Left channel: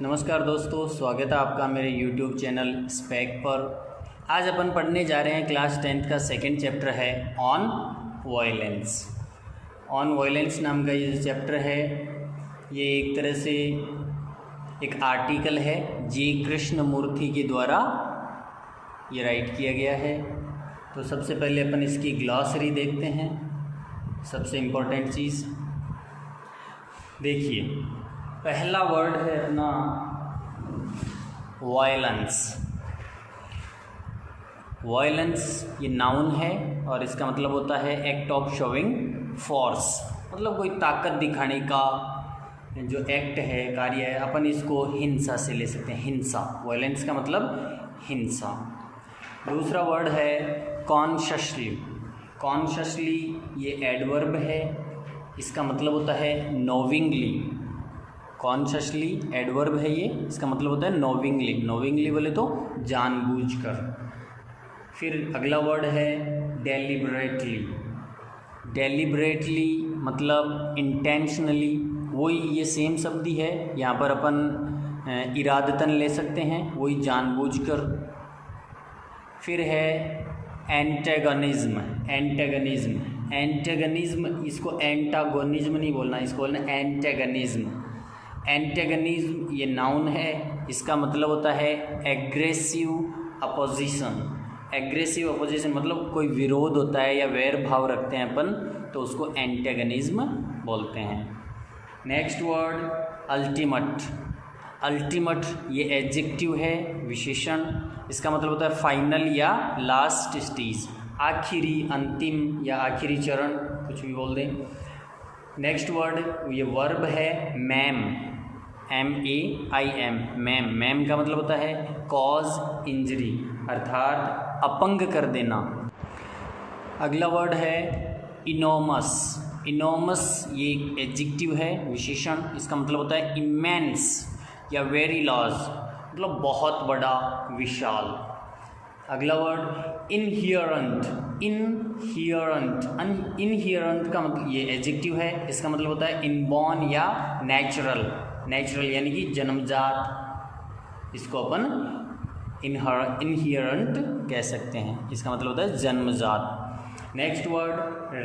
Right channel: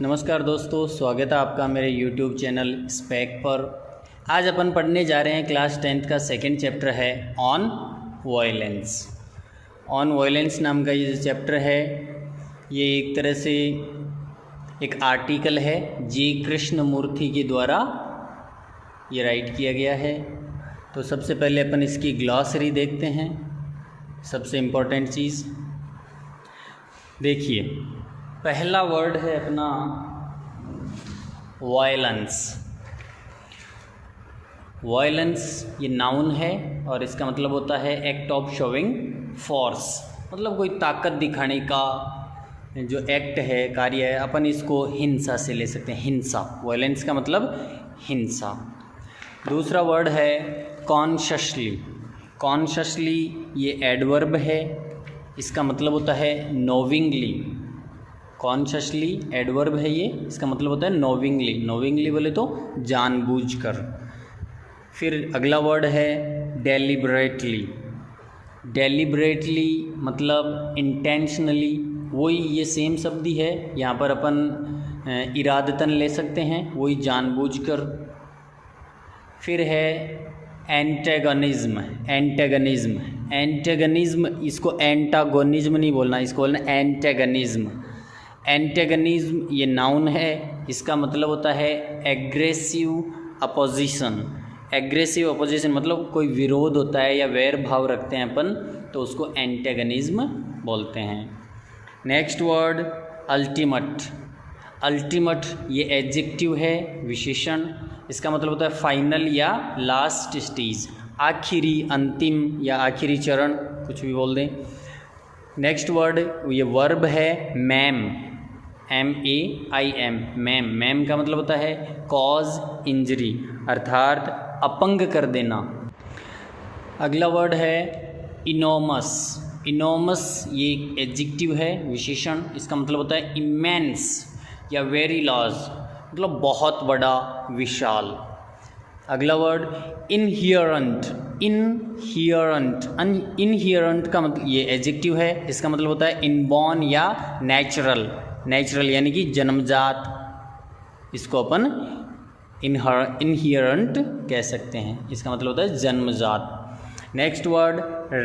नमस्कार दोस्तों, स्वागत है आपका मेरे YouTube चैनल स्पेक पर। आज अपन पढ़ने जा रहे हैं क्लास 10th का सेकंड चैप्टर है ऑन वायलेंस। ऑन वायलेंस नाम का ये चैप्टर है, ये एक तरह से एक आर्टिकल है जी कृष्णमूर्ति के द्वारा ये राइट किया गया है। तो सबसे पहले अपन इसकी ग्लॉसरी देखते हैं। सबसे इम्पोर्टेंट चीज़ देखिए, पहला वर्ड है अपना वायलेंस। वायलेंस ये नाउन है और इसका मतलब होता है एक्ट ऑफ शोविंग फोर्स, मतलब कोई ताकत दिखाने का जो एक्ट है, कार्य है। अपन इसको हिंसा से ले सकते हैं, हिंसा। वायलेंस का मतलब हिंसा। दूसरा वर्ड है कॉन्शियसली। कॉन्शियसली ये एडवर्ब है, इसका मतलब होता है नोविंगली। कॉन्शियसली एडवर्ब है ये, इसका मतलब होता है नोविंगली। नोविंगली बोले तो जानबूझकर। फिर अगला वर्ड है डेलिबरेटली। डेलिबरेटली मतलब इंटेंशनली, वही ये सेम शब्द ही है। यहाँ पर अपन इरादतन ले सकते हैं, वही जानबूझकर। फिर है एंटेगनिज्म। एंटेगनिज्म, एंटेगनिज्म, इसको एंटागोनिज्म नहीं बोलना, इसको बोलना एंटेगनिज्म। एंटेगनिज्म ये नाउन है, इसका मतलब होता है एग्रेसिव अपोजिशन। एग्रेसिव अपोजिशन मतलब कोई विरोध होता है या वैर भाव रखते हैं अपन, तो उसको एंटेगनिज्म बोलते हैं। Next word ultimate. अल्टीमेट ये एडजेक्टिव है, विशेषण। इसका मतलब होता है फाइनल या लास्ट स्टेज, आखिरी, अंतिम या आखिरी चरण, कुछ भी बोल दें। नेक्स्ट वर्ड ये वर्ब है मैम। MAIM, ma'am. मैम का मतलब होता है कॉज इंजरी, अर्थात अपंग कर देना। अगला वर्ड है इनोमस। इनोमस ये एक एडजेक्टिव है, विशेषण। इसका मतलब होता है इमेंस या वेरी लार्ज, मतलब बहुत बड़ा, विशाल। अगला वर्ड इनहियरेंट। इनहियरेंट, इनहियरेंट का मतलब ये एडजेक्टिव है, इसका मतलब होता है इनबॉर्न या नेचुरल। नेचुरल यानी कि जन्मजात, इसको अपन इनहियरेंट कह सकते हैं, इसका मतलब होता है जन्मजात। Next word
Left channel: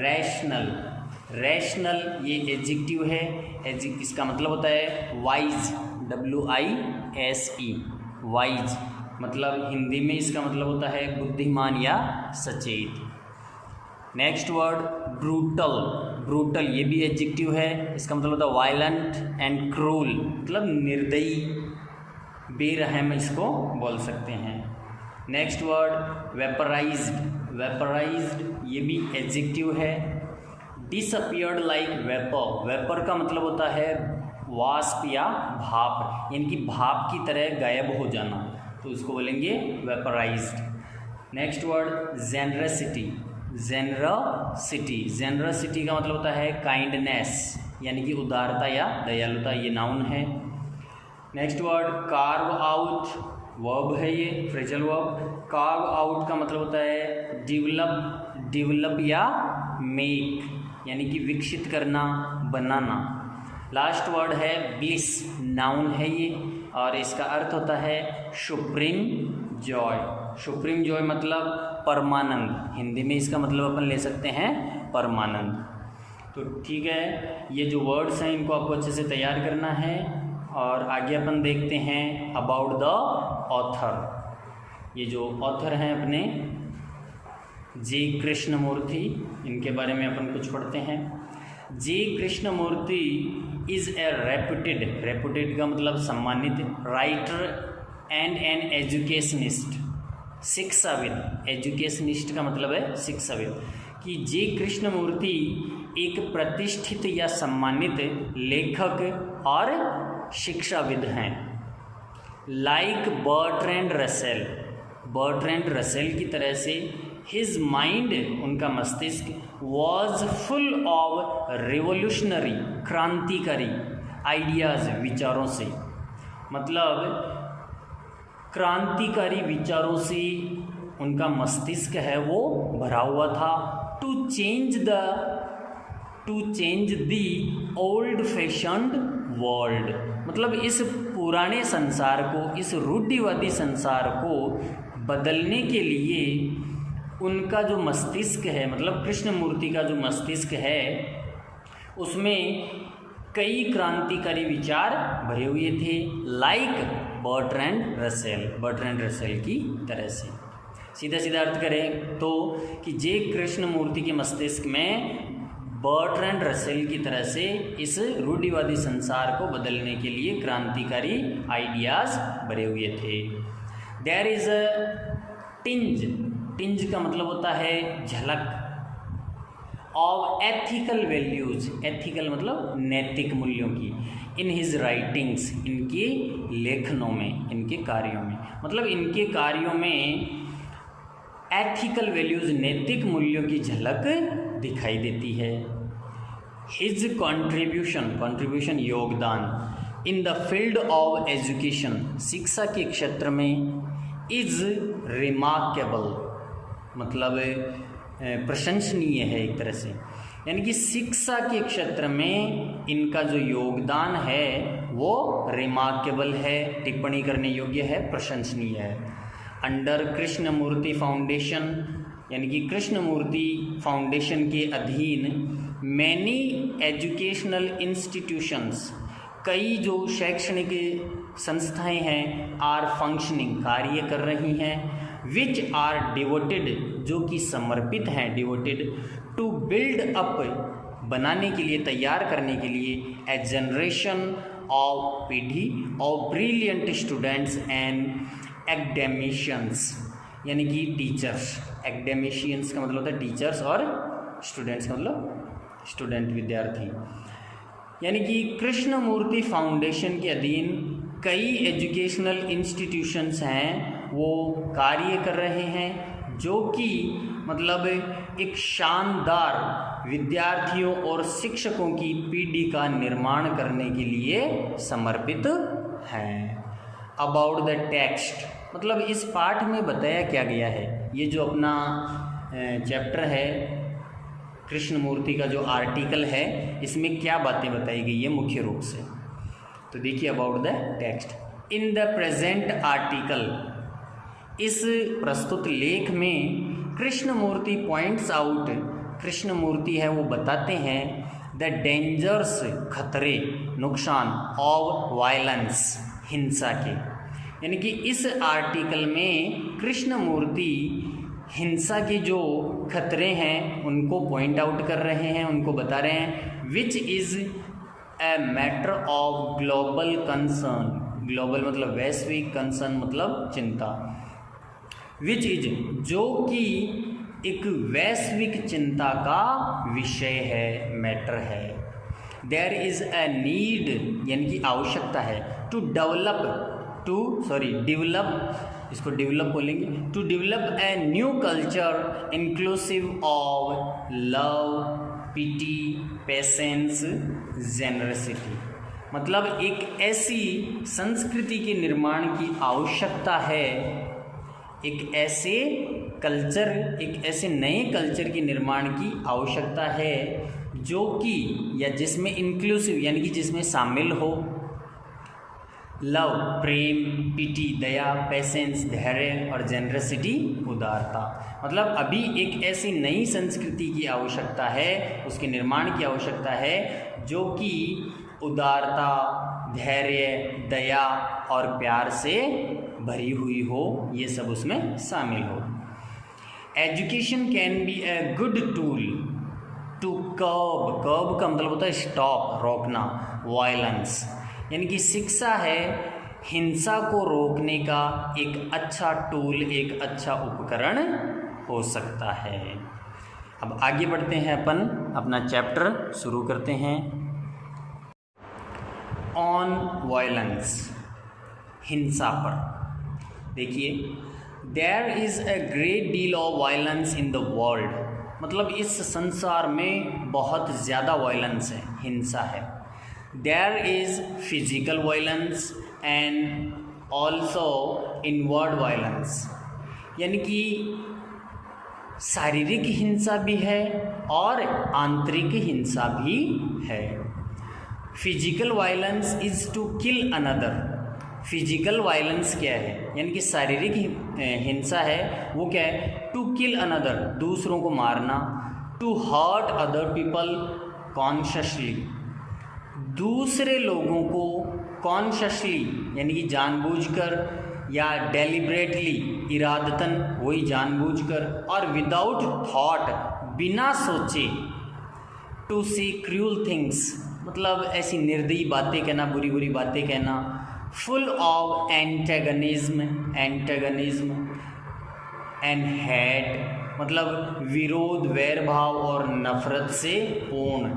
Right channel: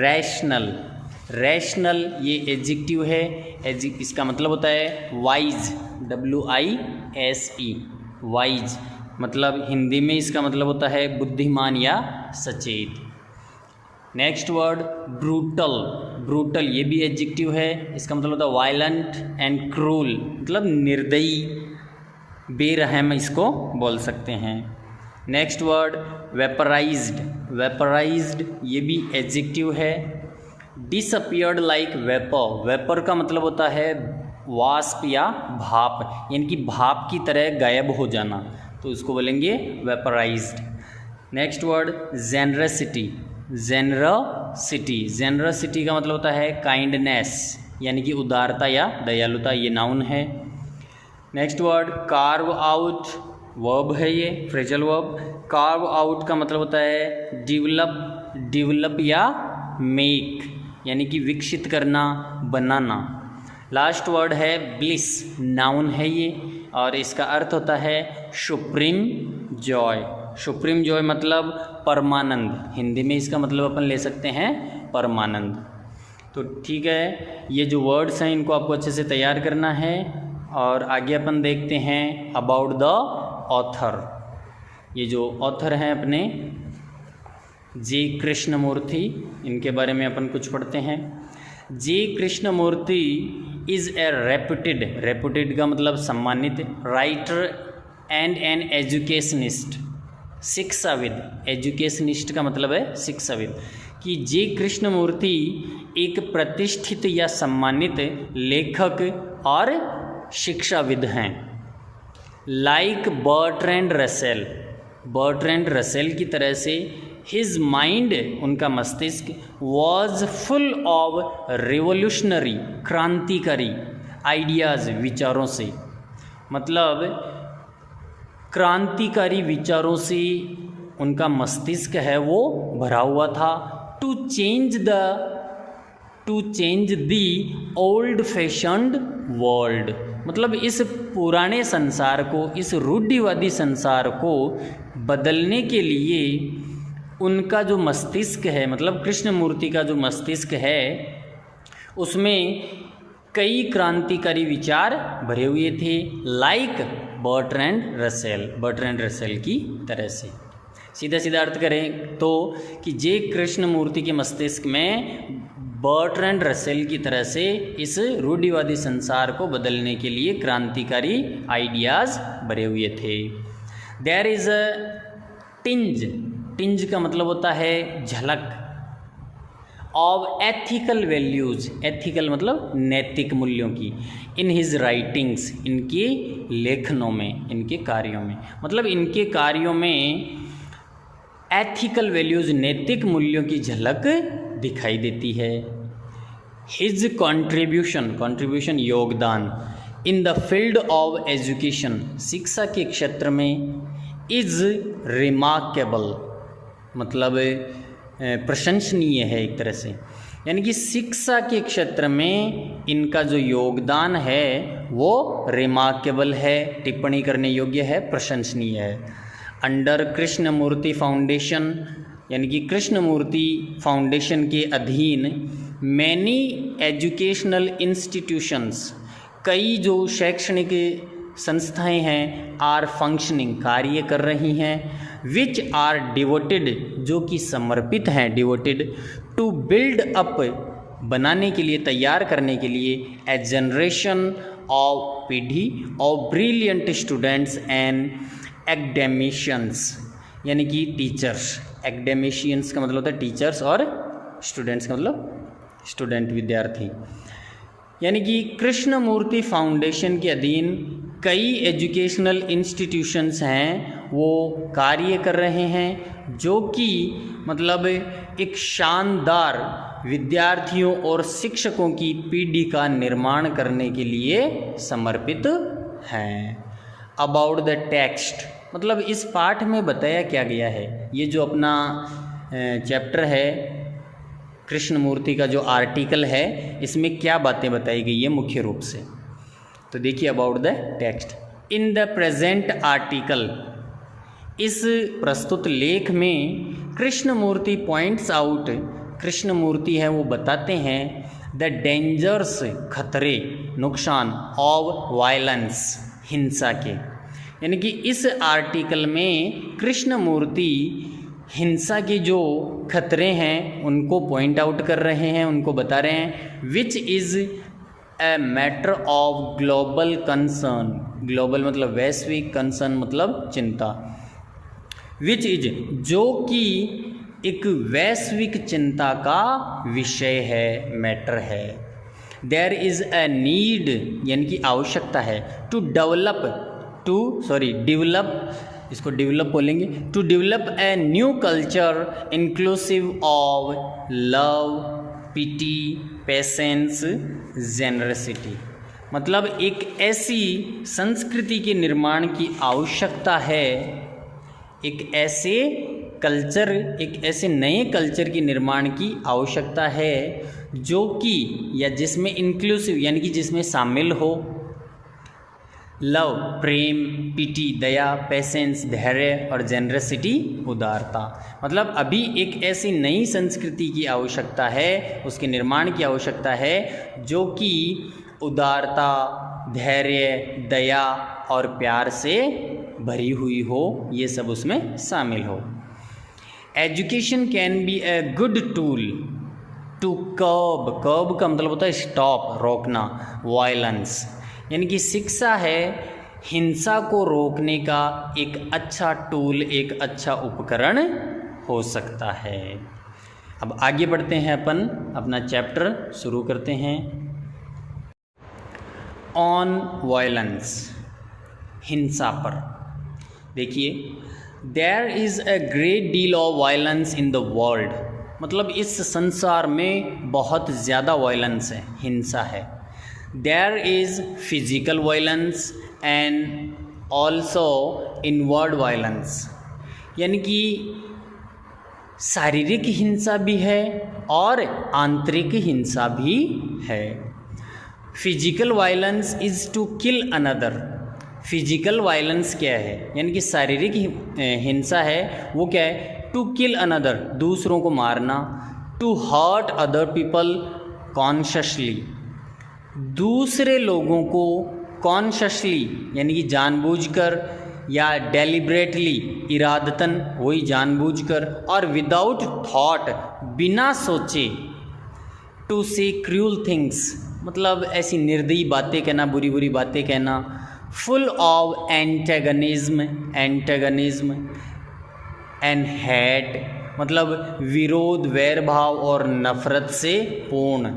rational. रैशनल ये एडजेक्टिव है, इसका मतलब होता है वाइज, WISE, वाइज। मतलब हिंदी में इसका मतलब होता है बुद्धिमान या सचेत। Next word brutal. ब्रूटल ये भी एडजेक्टिव है, इसका मतलब होता है वायलेंट एंड क्रूल, मतलब निर्दयी, बेरहम, इसको बोल सकते हैं। Next word वेपराइज्ड। वेपराइज्ड ये भी एडजेक्टिव है। Disappeared like vapour. वेपर का मतलब होता है वाष्प या भाप, यानी कि भाप की तरह गायब हो जाना, तो उसको बोलेंगे vaporised. Next word generosity. Generosity. Generosity का मतलब होता है काइंडनेस, यानी कि उदारता या दयालुता, ये नाउन है। Next word carve out. Verb है ये, फ्रेजल वर्ब। कार्व आउट का मतलब होता है डिवेलप, डिवेलप या मेक, यानी कि विकसित करना, बनाना। लास्ट वर्ड है ब्लिस। नाउन है ये और इसका अर्थ होता है सुप्रीम जॉय। सुप्रीम जॉय मतलब परमानंद, हिंदी में इसका मतलब अपन ले सकते हैं परमानंद। तो ठीक है, ये जो वर्ड्स हैं इनको आपको अच्छे से तैयार करना है। और आगे अपन देखते हैं अबाउट द ऑथर। ये जो ऑथर हैं अपने जी कृष्णमूर्ति, इनके बारे में अपन कुछ पढ़ते हैं। J Krishnamurti is a reputed, reputed का मतलब सम्मानित, राइटर एंड एन एजुकेशनिस्ट, शिक्षाविद। एजुकेशनिस्ट का मतलब है शिक्षाविद। कि जी कृष्णमूर्ति एक प्रतिष्ठित या सम्मानित लेखक और शिक्षाविद हैं। Like Bertrand Russell, Bertrand Russell की तरह से हिज माइंड, उनका मस्तिष्क, वॉज फुल ऑफ रिवोल्यूशनरी, क्रांतिकारी आइडियाज़, विचारों से, मतलब क्रांतिकारी विचारों से उनका मस्तिष्क है वो भरा हुआ था। To change the old fashioned world, मतलब इस पुराने संसार को, इस रूढ़िवादी संसार को बदलने के लिए उनका जो मस्तिष्क है, मतलब कृष्णमूर्ति का जो मस्तिष्क है, उसमें कई क्रांतिकारी विचार भरे हुए थे, लाइक बर्ट्रैंड रसेल की तरह से। सीधा सीधा अर्थ करें तो कि जे कृष्णमूर्ति के मस्तिष्क में बर्ट्रैंड रसेल की तरह से इस रूढ़िवादी संसार को बदलने के लिए क्रांतिकारी आइडियाज़ भरे हुए थे। देयर इज़ अ टिंज का मतलब होता है झलक, ऑफ एथिकल वैल्यूज़, एथिकल मतलब नैतिक मूल्यों की, इन हिज राइटिंग्स, इनके लेखनों में, इनके कार्यों में, मतलब इनके कार्यों में एथिकल वैल्यूज़, नैतिक मूल्यों की झलक दिखाई देती है। हिज कॉन्ट्रीब्यूशन योगदान in the field of education, शिक्षा के क्षेत्र में, इज़ रिमार्केबल, मतलब प्रशंसनीय है एक तरह से, यानी कि शिक्षा के क्षेत्र में इनका जो योगदान है वो रिमार्केबल है, टिप्पणी करने योग्य है, प्रशंसनीय है। अंडर कृष्णमूर्ति फाउंडेशन, यानी कि कृष्णमूर्ति फाउंडेशन के अधीन मैनी एजुकेशनल इंस्टीट्यूशंस, कई जो शैक्षणिक संस्थाएं हैं, आर फंक्शनिंग, कार्य कर रही हैं, विच आर डिवोटेड, जो कि समर्पित हैं, डिवोटेड टू बिल्ड अप, बनाने के लिए, तैयार करने के लिए, ए जनरेशन ऑफ, पीढ़ी of brilliant students and academicians, यानी कि टीचर्स। एकेडमिशियंस का मतलब होता है टीचर्स और स्टूडेंट्स का मतलब स्टूडेंट, विद्यार्थी। यानी कि कृष्णमूर्ति फाउंडेशन के अधीन कई एजुकेशनल इंस्टीट्यूशंस हैं, वो कार्य कर रहे हैं, जो कि मतलब एक शानदार विद्यार्थियों और शिक्षकों की पीढ़ी का निर्माण करने के लिए समर्पित हैं। अबाउट द टेक्स्ट, मतलब इस पाठ में बताया क्या गया है, ये जो अपना चैप्टर है कृष्णमूर्ति का जो आर्टिकल है, इसमें क्या बातें बताई गई है मुख्य रूप से। तो देखिए about the text. In the present article, इस प्रस्तुत लेख में कृष्णमूर्ति पॉइंट्स आउट, कृष्णमूर्ति है वो बताते हैं, द डेंजर्स, खतरे, नुकसान, ऑफ वायलेंस, हिंसा के। यानी कि इस आर्टिकल में कृष्णमूर्ति हिंसा के जो खतरे हैं उनको पॉइंट आउट कर रहे हैं, उनको बता रहे हैं, which is a matter of global concern, global मतलब वैश्विक, कंसर्न मतलब चिंता, विच इज, जो कि एक वैश्विक चिंता का विषय है, मैटर है। देयर इज़ ए नीड, यानी कि आवश्यकता है, टू डेवलप, इसको डेवलप बोलेंगे, to develop a new culture inclusive of love, pity, patience, generosity, मतलब एक ऐसी संस्कृति के निर्माण की आवश्यकता है, एक ऐसे कल्चर, एक ऐसे नए कल्चर के निर्माण की आवश्यकता है जो कि, या जिसमें इंक्लूसिव, यानी कि जिसमें शामिल हो लव, प्रेम, पिटी, दया, पेशेंस, धैर्य, और जेनरसिटी, उदारता। मतलब अभी एक ऐसी नई संस्कृति की आवश्यकता है, उसके निर्माण की आवश्यकता है जो कि उदारता, धैर्य, दया और प्यार से भरी हुई हो, ये सब उसमें शामिल हो। Education can be a good tool to curb का मतलब होता है स्टॉप, रोकना, वायलेंस, यानी कि शिक्षा है हिंसा को रोकने का एक अच्छा टूल, एक अच्छा उपकरण हो सकता है। अब आगे बढ़ते हैं, अपन अपना चैप्टर शुरू करते हैं। ऑन वायलेंस, हिंसा पर। देखिए, there is a great deal of violence in the world, मतलब इस संसार में बहुत ज़्यादा वायलेंस है, हिंसा है। There is physical violence and also inward violence, यानी कि शारीरिक हिंसा भी है और आंतरिक हिंसा भी है। Physical violence is to kill another. Physical violence क्या है, यानी कि शारीरिक हिंसा है, वो क्या है, टू किल अनदर, दूसरों को मारना, to hurt other people consciously, दूसरे लोगों को कॉन्शियसली यानी कि जानबूझकर या डेलिब्रेटली इरादतन, वही जानबूझकर, और विदाउट थॉट, बिना सोचे, टू से क्रूअल थिंग्स, मतलब ऐसी निर्दयी बातें कहना, बुरी बुरी बातें कहना, फुल ऑफ एंटेगनिज्म एंड हेट, मतलब विरोध, वैर भाव और नफरत से पूर्ण,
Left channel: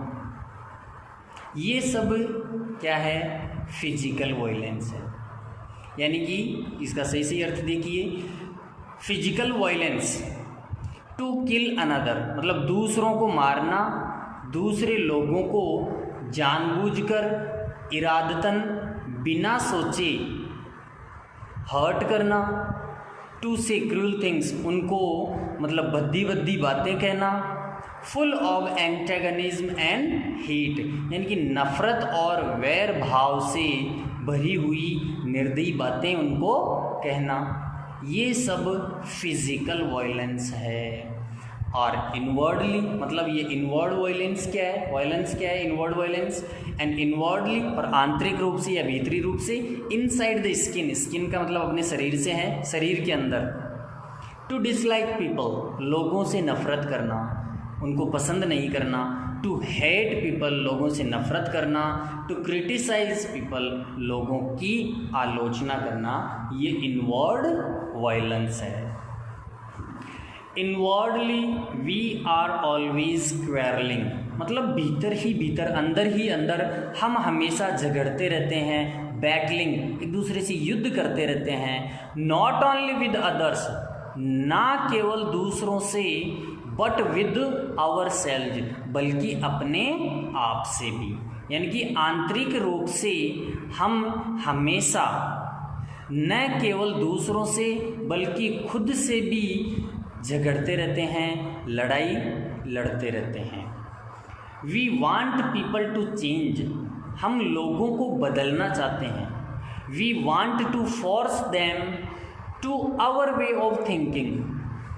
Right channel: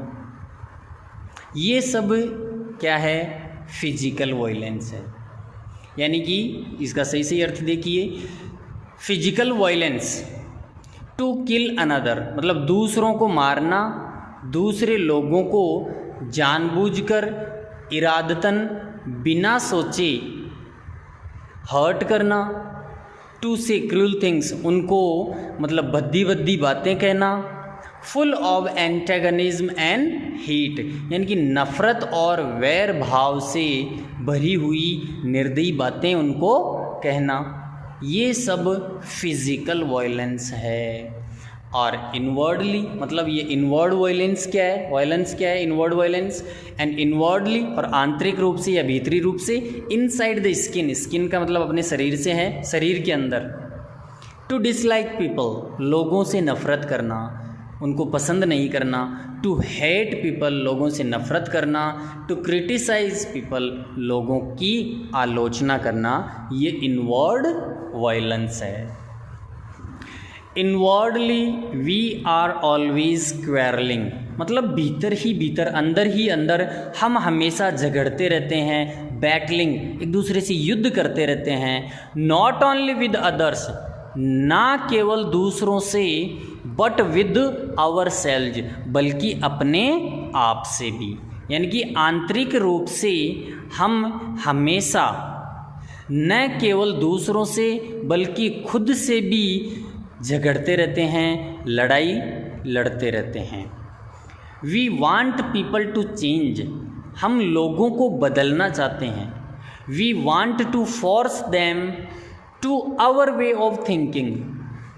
ये सब क्या है, फिजिकल वायलेंस है। यानी कि इसका सही अर्थ देखिए, physical violence to kill another, मतलब दूसरों को मारना, दूसरे लोगों को जानबूझकर, इरादतन, बिना सोचे हर्ट करना, टू से क्रूअल थिंग्स, उनको मतलब भद्दी भद्दी बातें कहना, फुल ऑफ एंटेगनिज्म एंड हीट, यानी कि नफरत और वैर भाव से भरी हुई निर्दयी बातें उनको कहना, ये सब फिजिकल वायलेंस है। और इनवर्डली, मतलब ये इनवर्ड वायलेंस क्या है, इनवर्ड वायलेंस, एंड इनवर्डली, और आंतरिक रूप से या भीतरी रूप से, इनसाइड द स्किन, स्किन का मतलब अपने शरीर से है, शरीर के अंदर, टू डिसलाइक पीपल, लोगों से नफरत करना, उनको पसंद नहीं करना, टू हेट पीपल, लोगों से नफरत करना, टू क्रिटिसाइज पीपल, लोगों की आलोचना करना, ये इनवर्ड वायलेंस है। Inwardly we are always quarrelling, मतलब भीतर ही भीतर, अंदर ही अंदर हम हमेशा झगड़ते रहते हैं, बैटलिंग, एक दूसरे से युद्ध करते रहते हैं, नॉट ओनली विद अदर्स, ना केवल दूसरों से, बट विद आवर सेल्ज, बल्कि अपने आप से भी, यानी कि आंतरिक रूप से हम हमेशा न केवल दूसरों से बल्कि खुद से भी झगड़ते रहते हैं, लड़ाई लड़ते रहते हैं। We want people to change, हम लोगों को बदलना चाहते हैं। We want to force them to our way of thinking,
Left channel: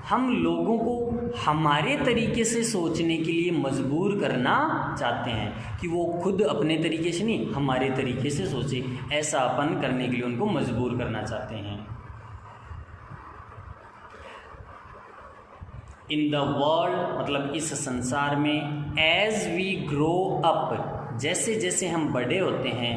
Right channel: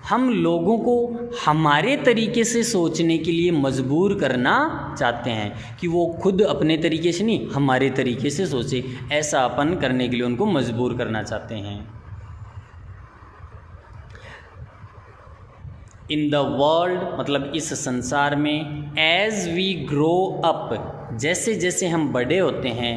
हम लोगों को हमारे तरीके से सोचने के लिए मजबूर करना चाहते हैं, कि वो खुद अपने तरीके से नहीं, हमारे तरीके से सोचे, ऐसा अपन करने के लिए उनको मजबूर करना चाहते हैं। इन द वर्ल्ड, मतलब इस संसार में, एज वी ग्रो अप, जैसे जैसे हम बड़े होते हैं,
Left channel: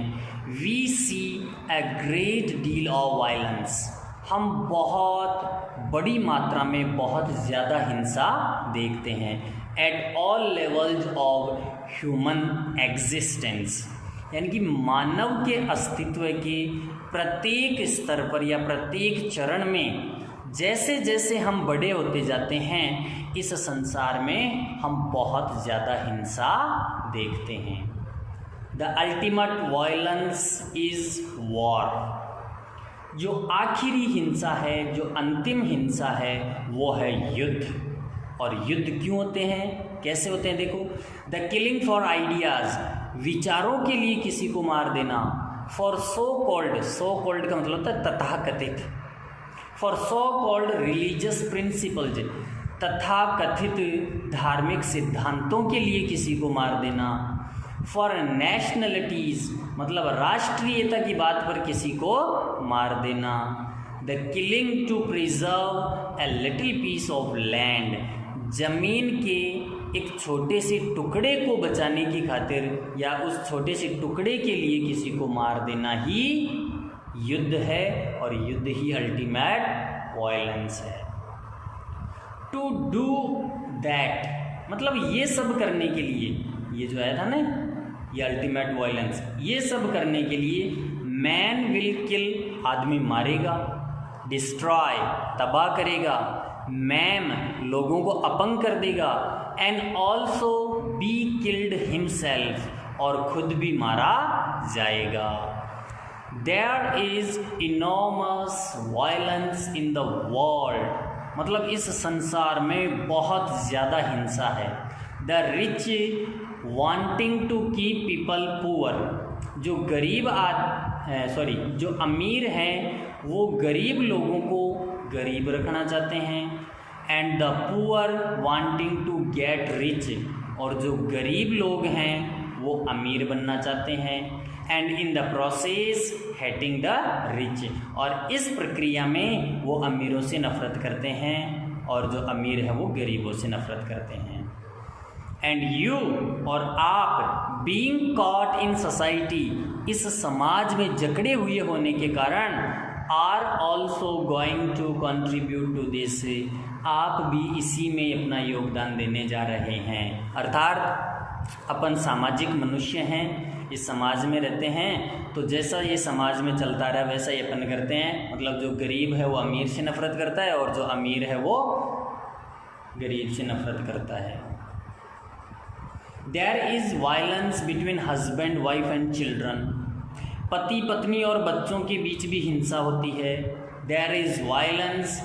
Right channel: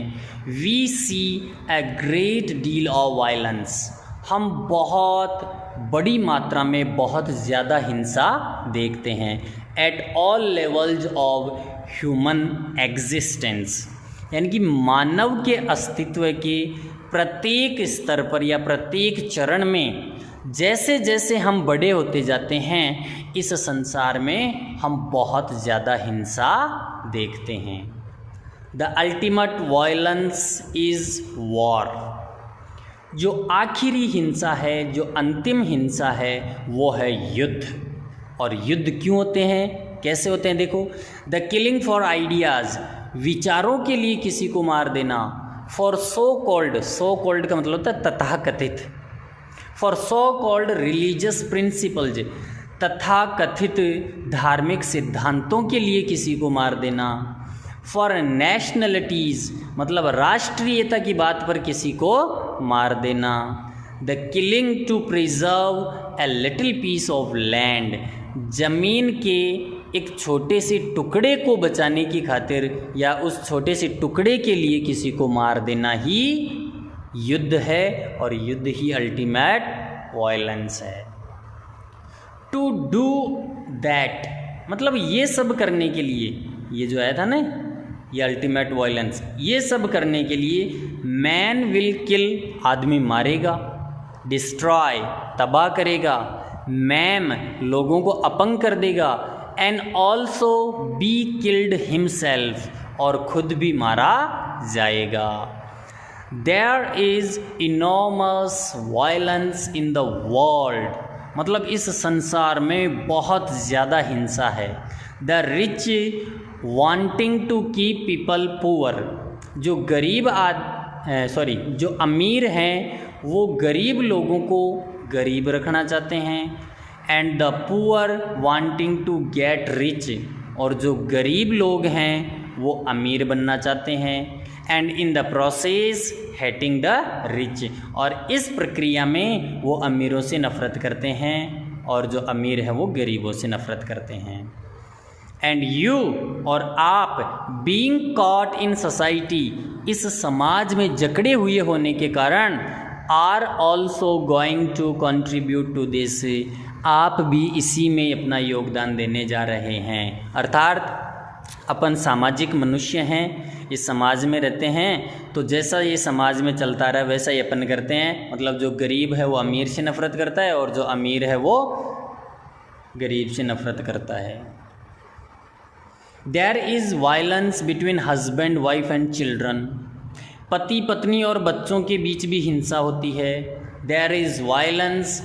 we see a great deal of violence, हम बहुत बड़ी मात्रा में बहुत ज़्यादा हिंसा देखते हैं, at all levels of human existence, यानी कि मानव के अस्तित्व के प्रत्येक स्तर पर या प्रत्येक चरण में, जैसे जैसे हम बड़े होते जाते हैं, इस संसार में हम बहुत ज़्यादा हिंसा देखते हैं। The ultimate violence is war, जो आखिरी हिंसा है, जो अंतिम हिंसा है, वो है युद्ध। और युद्ध क्यों होते हैं, कैसे होते हैं, देखो, द किलिंग फॉर आइडियाज़, विचारों के लिए किसी को मार देना, फॉर सो कॉल्ड का मतलब होता है तथाकथित, for so called religious principles, तथाकथित धार्मिक सिद्धांतों के लिए किसी को मार देना, फॉर नेशनलिटीज़, मतलब राष्ट्रीयता की बात पर किसी को मार देना, the killing to preserve a little piece of land, जमीन के एक छोटे से टुकड़े को बचाने की खातिर या उस छोटे से टुकड़े के लिए किसी को मार देना ही युद्ध है, और युद्ध ही अल्टीमेट वायलेंस है। टू डू दैट, मतलब ये सब करने के लिए, ये जो आया था ना, ये अल्टीमेट वायलेंस, ये सब करने के लिए मैन विल किल, आदमी मारेगा, डिस्ट्रॉय, तबाह करेगा, मैम, लोगों को अपंग कर देगा, and also be killed himself, और खुद भी मारा जाएगा। There is enormous violence in the world, मतलब इस संसार में बहुत ज़्यादा हिंसा है। The rich wanting to keep people poor, जो जो अमीर हैं वो गरीब लोगों को गरीब रखना चाहते हैं। And the poor wanting to get rich, और जो गरीब लोग हैं वो अमीर बनना चाहते हैं। And in the process hating the rich, और इस प्रक्रिया में वो अमीरों से नफ़रत करते हैं और जो अमीर है वो गरीबों से नफ़रत करते हैं। एंड यू, और आप, बीइंग कॉट इन सोसाइटी, इस समाज में जकड़े हुए होने के कारण, are also going to contribute to this, आप भी इसी में अपना योगदान देने जा रहे हैं। अर्थात अपन सामाजिक मनुष्य हैं, इस समाज में रहते हैं, तो जैसा ये समाज में चलता रहा वैसा ही अपन करते हैं। मतलब जो गरीब है वो अमीर से नफ़रत करता है और जो अमीर है वो गरीब से नफ़रत करता है। There is violence between husband wife and children, पति पत्नी और बच्चों के बीच भी हिंसा होती है। There is violence,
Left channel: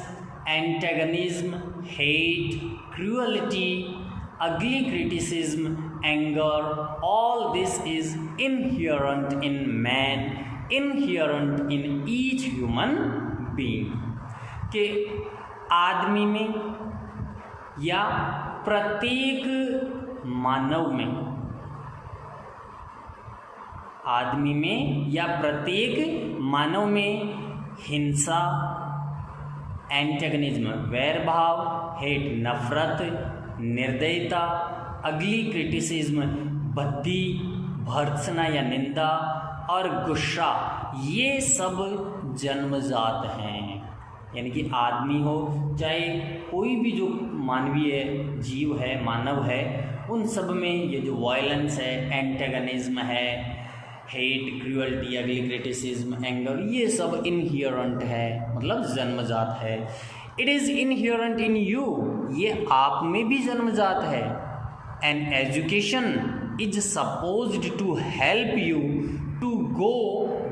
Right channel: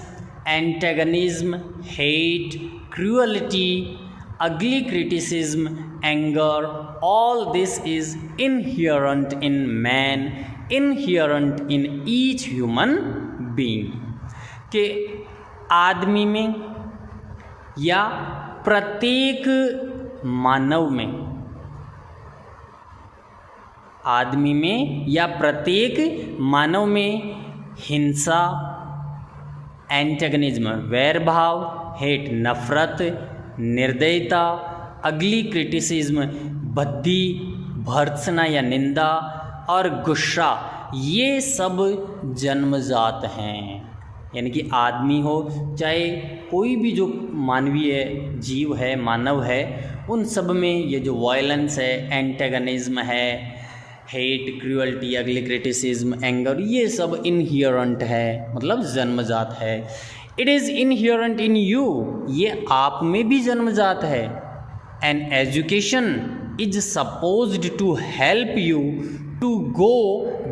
antagonism, hate, cruelty, ugly criticism, anger, all this is inherent in man, inherent in each human being, के आदमी में या प्रत्येक मानव में, आदमी में या प्रत्येक मानव में हिंसा, एंटेगनिज्म वैरभाव, हेट नफरत, निर्दयता, अगली क्रिटिसिज्म भद्दी, भर्त्सना या निंदा, और गुस्सा, ये सब जन्मजात हैं। यानी कि आदमी हो चाहे कोई भी जो मानवीय जीव है, मानव है, उन सब में ये जो वायलेंस है, एंटेगनिज्म है, hate, cruelty, ugly criticism, anger, ये सब इनहेरेंट है, मतलब जन्मजात है। It is inherent in you, ये आप में भी जन्मजात है। And education is supposed to help you to go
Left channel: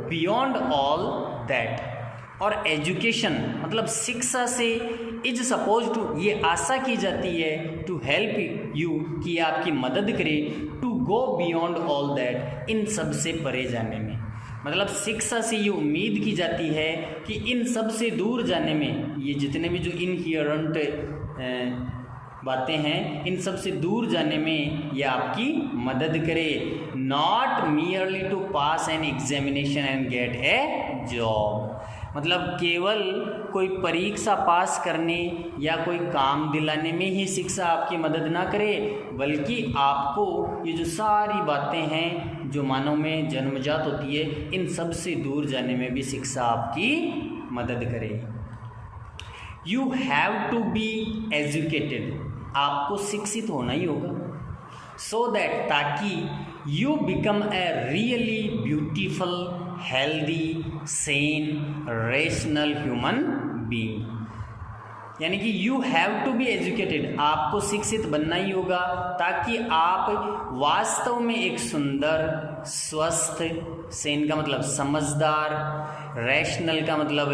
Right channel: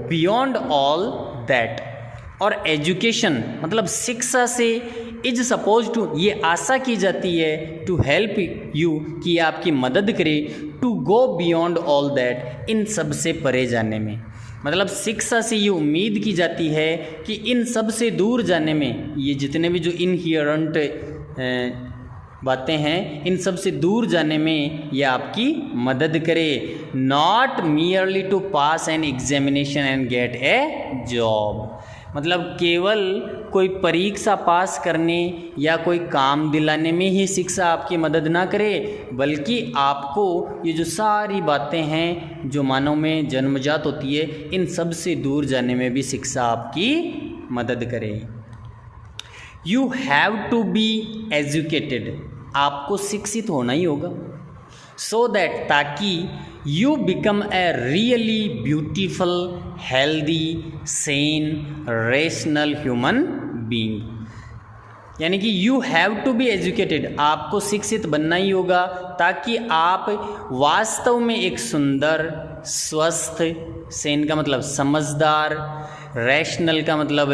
beyond all that, और एजुकेशन मतलब शिक्षा से इज सपोज टू, ये आशा की जाती है, टू हेल्प यू, कि आपकी मदद करे, to go beyond all that, इन सब से परे जाने में। मतलब शिक्षा से ये उम्मीद की जाती है कि इन सब से दूर जाने में, ये जितने भी जो इनहेरेंट बातें हैं, इन सब से दूर जाने में ये आपकी मदद करे। Not merely to pass an examination and get a job, मतलब केवल कोई परीक्षा पास करने या कोई काम दिलाने में ही शिक्षा आपकी मदद ना करे, बल्कि आपको ये जो सारी बातें हैं जो मानव में जन्मजात होती है, इन सब से दूर जाने में भी शिक्षा आपकी मदद करे। You have to be educated, आपको शिक्षित होना ही होगा, सो दैट, ताकि you become a really beautiful, healthy, sane, rational human being. यानी कि you have to be educated, आपको शिक्षित बनना ही होगा, ताकि आप वास्तव में एक सुंदर, स्वस्थ, सेन का मतलब समझदार, रेशनल का मतलब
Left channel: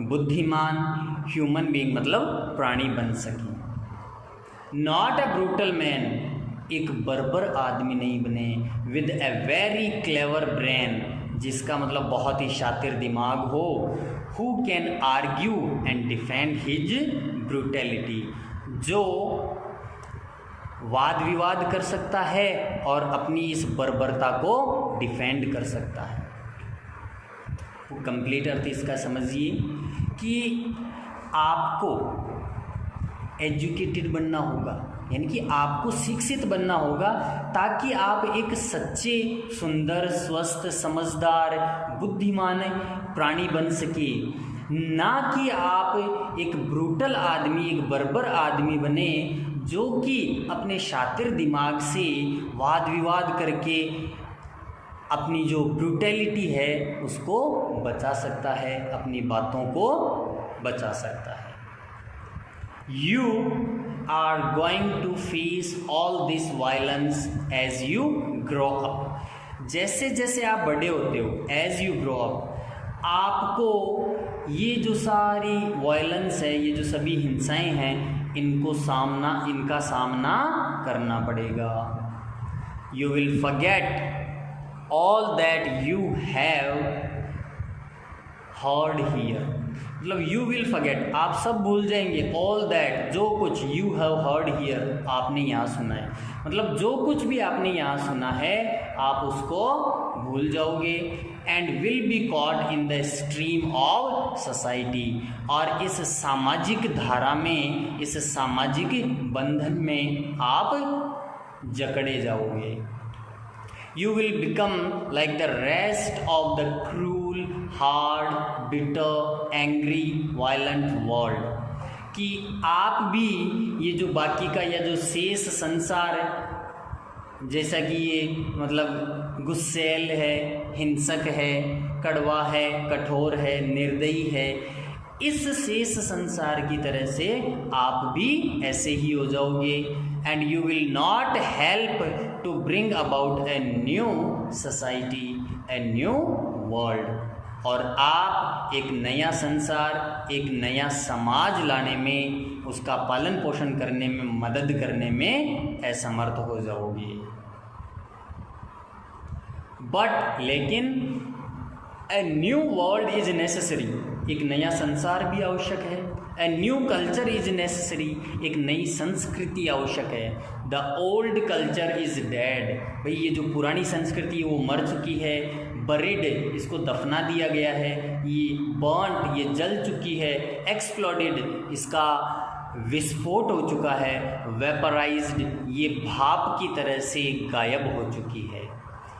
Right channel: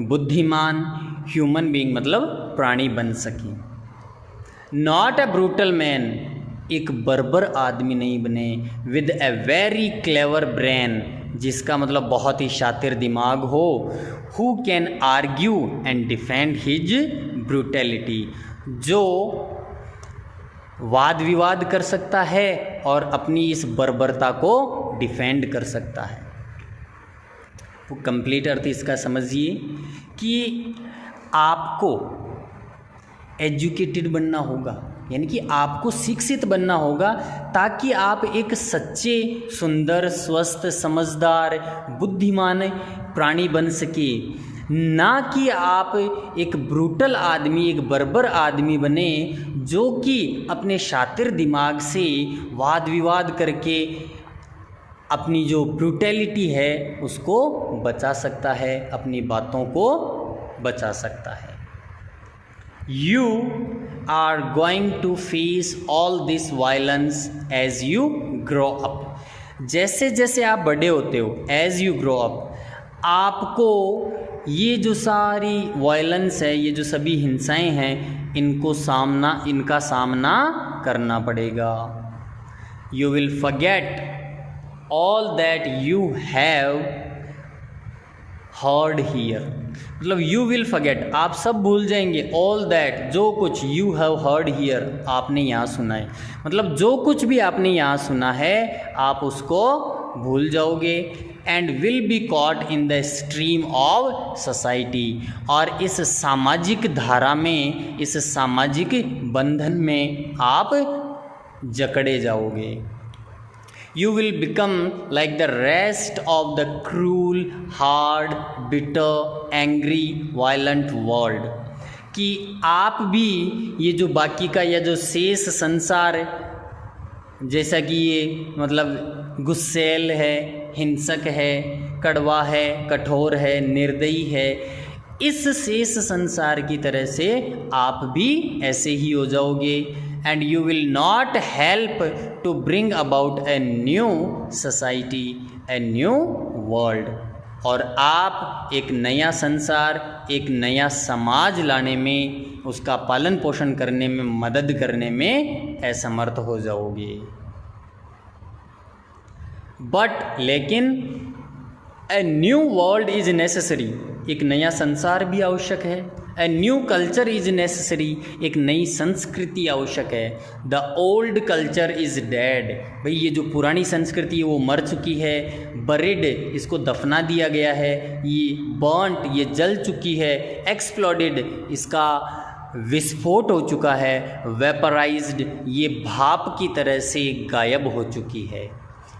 बुद्धिमान, ह्यूमन बीइंग मतलब प्राणी बन सकें। नॉट ए ब्रूटल मैन, एक बर्बर आदमी नहीं बने, with a very clever brain, जिसका मतलब बहुत ही शातिर दिमाग हो, who can argue and defend his brutality, जो वाद विवाद कर सकता है और अपनी इस बर्बरता को डिफेंड कर सकता है। वो कंप्लीट अर्थ इसका समझिए कि आपको एजुकेटेड बनना होगा, यानी कि आपको शिक्षित बनना होगा, ताकि आप एक सच्चे, सुंदर, स्वस्थ, समझदार, बुद्धिमान प्राणी बन सके, ना कि आप एक ब्रूटल आदमी, एक बर्बर आदमी बने, जो कि अपने शातिर दिमाग से वाद विवाद करके अपनी जो ब्रूटैलिटी है उसको बचा सकता है, अपनी बातों को बचा सकता है। You are going to face all this violence as you grow up. जैसे जैसे आप बड़े होते हो, as you grow up, आपको ये जो सारी वायलेंस है, ये जो सभी हिंसाएं हैं, इनका सामना करना पड़ेगा। you will forget all that you have heard here. मतलब you will forget, आप सब भूल जाएंगे, all that, जो कुछ you have heard here, आपने यहाँ सुना है, मतलब जो कुछ भी आपने यहाँ सुना है आप उसको भूल जाओगे. And will be caught in the stream of society, और इस सामाजिक धारा में, इस सामाजिक बंधन में आप जकड़े जाओगे. You will become like the rest of the cruel, hard, bitter, angry, violent world. कि आप भी ये जो बाकी का या जो शेष संसार, जैसा कि ये मतलब गुस्सैल है, हिंसक है, कड़वा है, कठोर है, निर्दयी है, इस शेष संसार की तरह से आप भी ऐसे ही हो जाओगे. And you will not help to bring about a new society, a new world. और आप एक नया संसार, एक नया समाज लाने में, उसका पालन पोषण करने में, मदद करने में असमर्थ हो जाओगे. बट लेकिन ए न्यू वर्ल्ड इज नेसेसरी, एक नया संसार भी आवश्यक है. A new culture is necessary, एक नई संस्कृति आवश्यक है. The old culture is dead, भाई ये जो पुरानी संस्कृति है वो मर चुकी है. बरिड, इसको दफना दिया गया है. ये बर्न्ट, ये जल चुकी है. एक्सप्लोडेड, इसका विस्फोट हो चुका है. वेपराइज्ड, ये भाप की तरह से गायब हो चुकी है.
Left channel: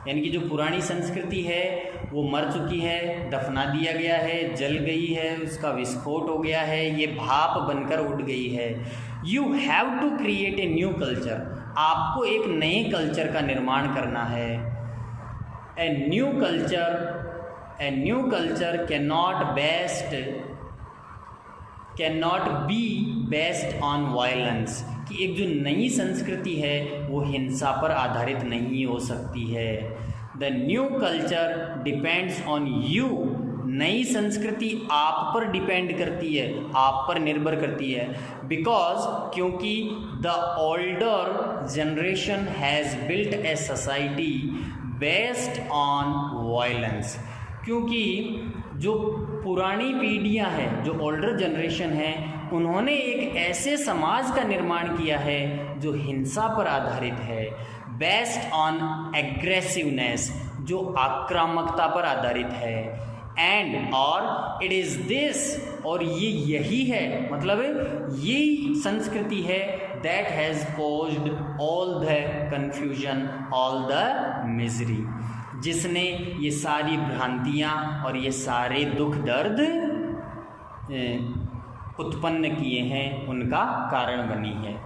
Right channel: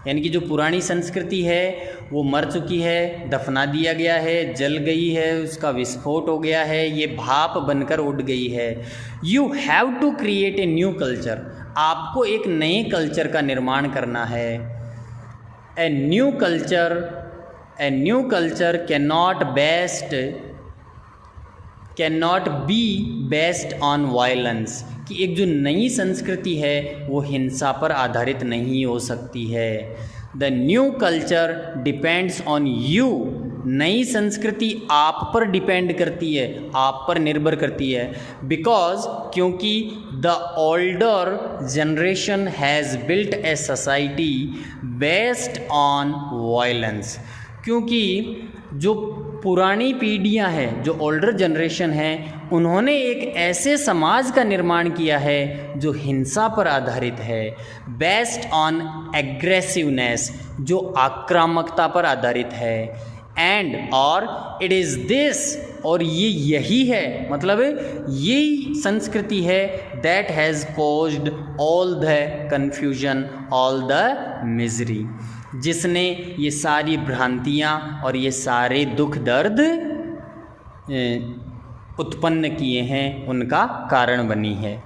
यानी कि जो पुरानी संस्कृति है वो मर चुकी है, दफना दिया गया है, जल गई है, उसका विस्फोट हो गया है, ये भाप बनकर उड़ गई है. You have to create a new culture, आपको एक नए कल्चर का निर्माण करना है. A new culture can not be based on violence, कि एक जो नई संस्कृति है वो हिंसा पर आधारित नहीं हो सकती है. The new culture depends on you, नई संस्कृति आप पर डिपेंड करती है, आप पर निर्भर करती है. बिकॉज, क्योंकि the older generation has built a society based on violence, क्योंकि जो पुरानी पीढ़ियां हैं, जो ओल्डर जनरेशन है, उन्होंने एक ऐसे समाज का निर्माण किया है जो हिंसा पर आधारित है. बेस्ड ऑन एग्रेसिवनेस, जो आक्रामकता पर आधारित है. एंड और इट इज़ दिस, और ये यही है, मतलब यही संस्कृति है, that has caused all the confusion, all the misery, जिसने ये सारी भ्रांतियाँ और ये सारे दुख दर्द उत्पन्न किए हैं, उनका कारण बनी है.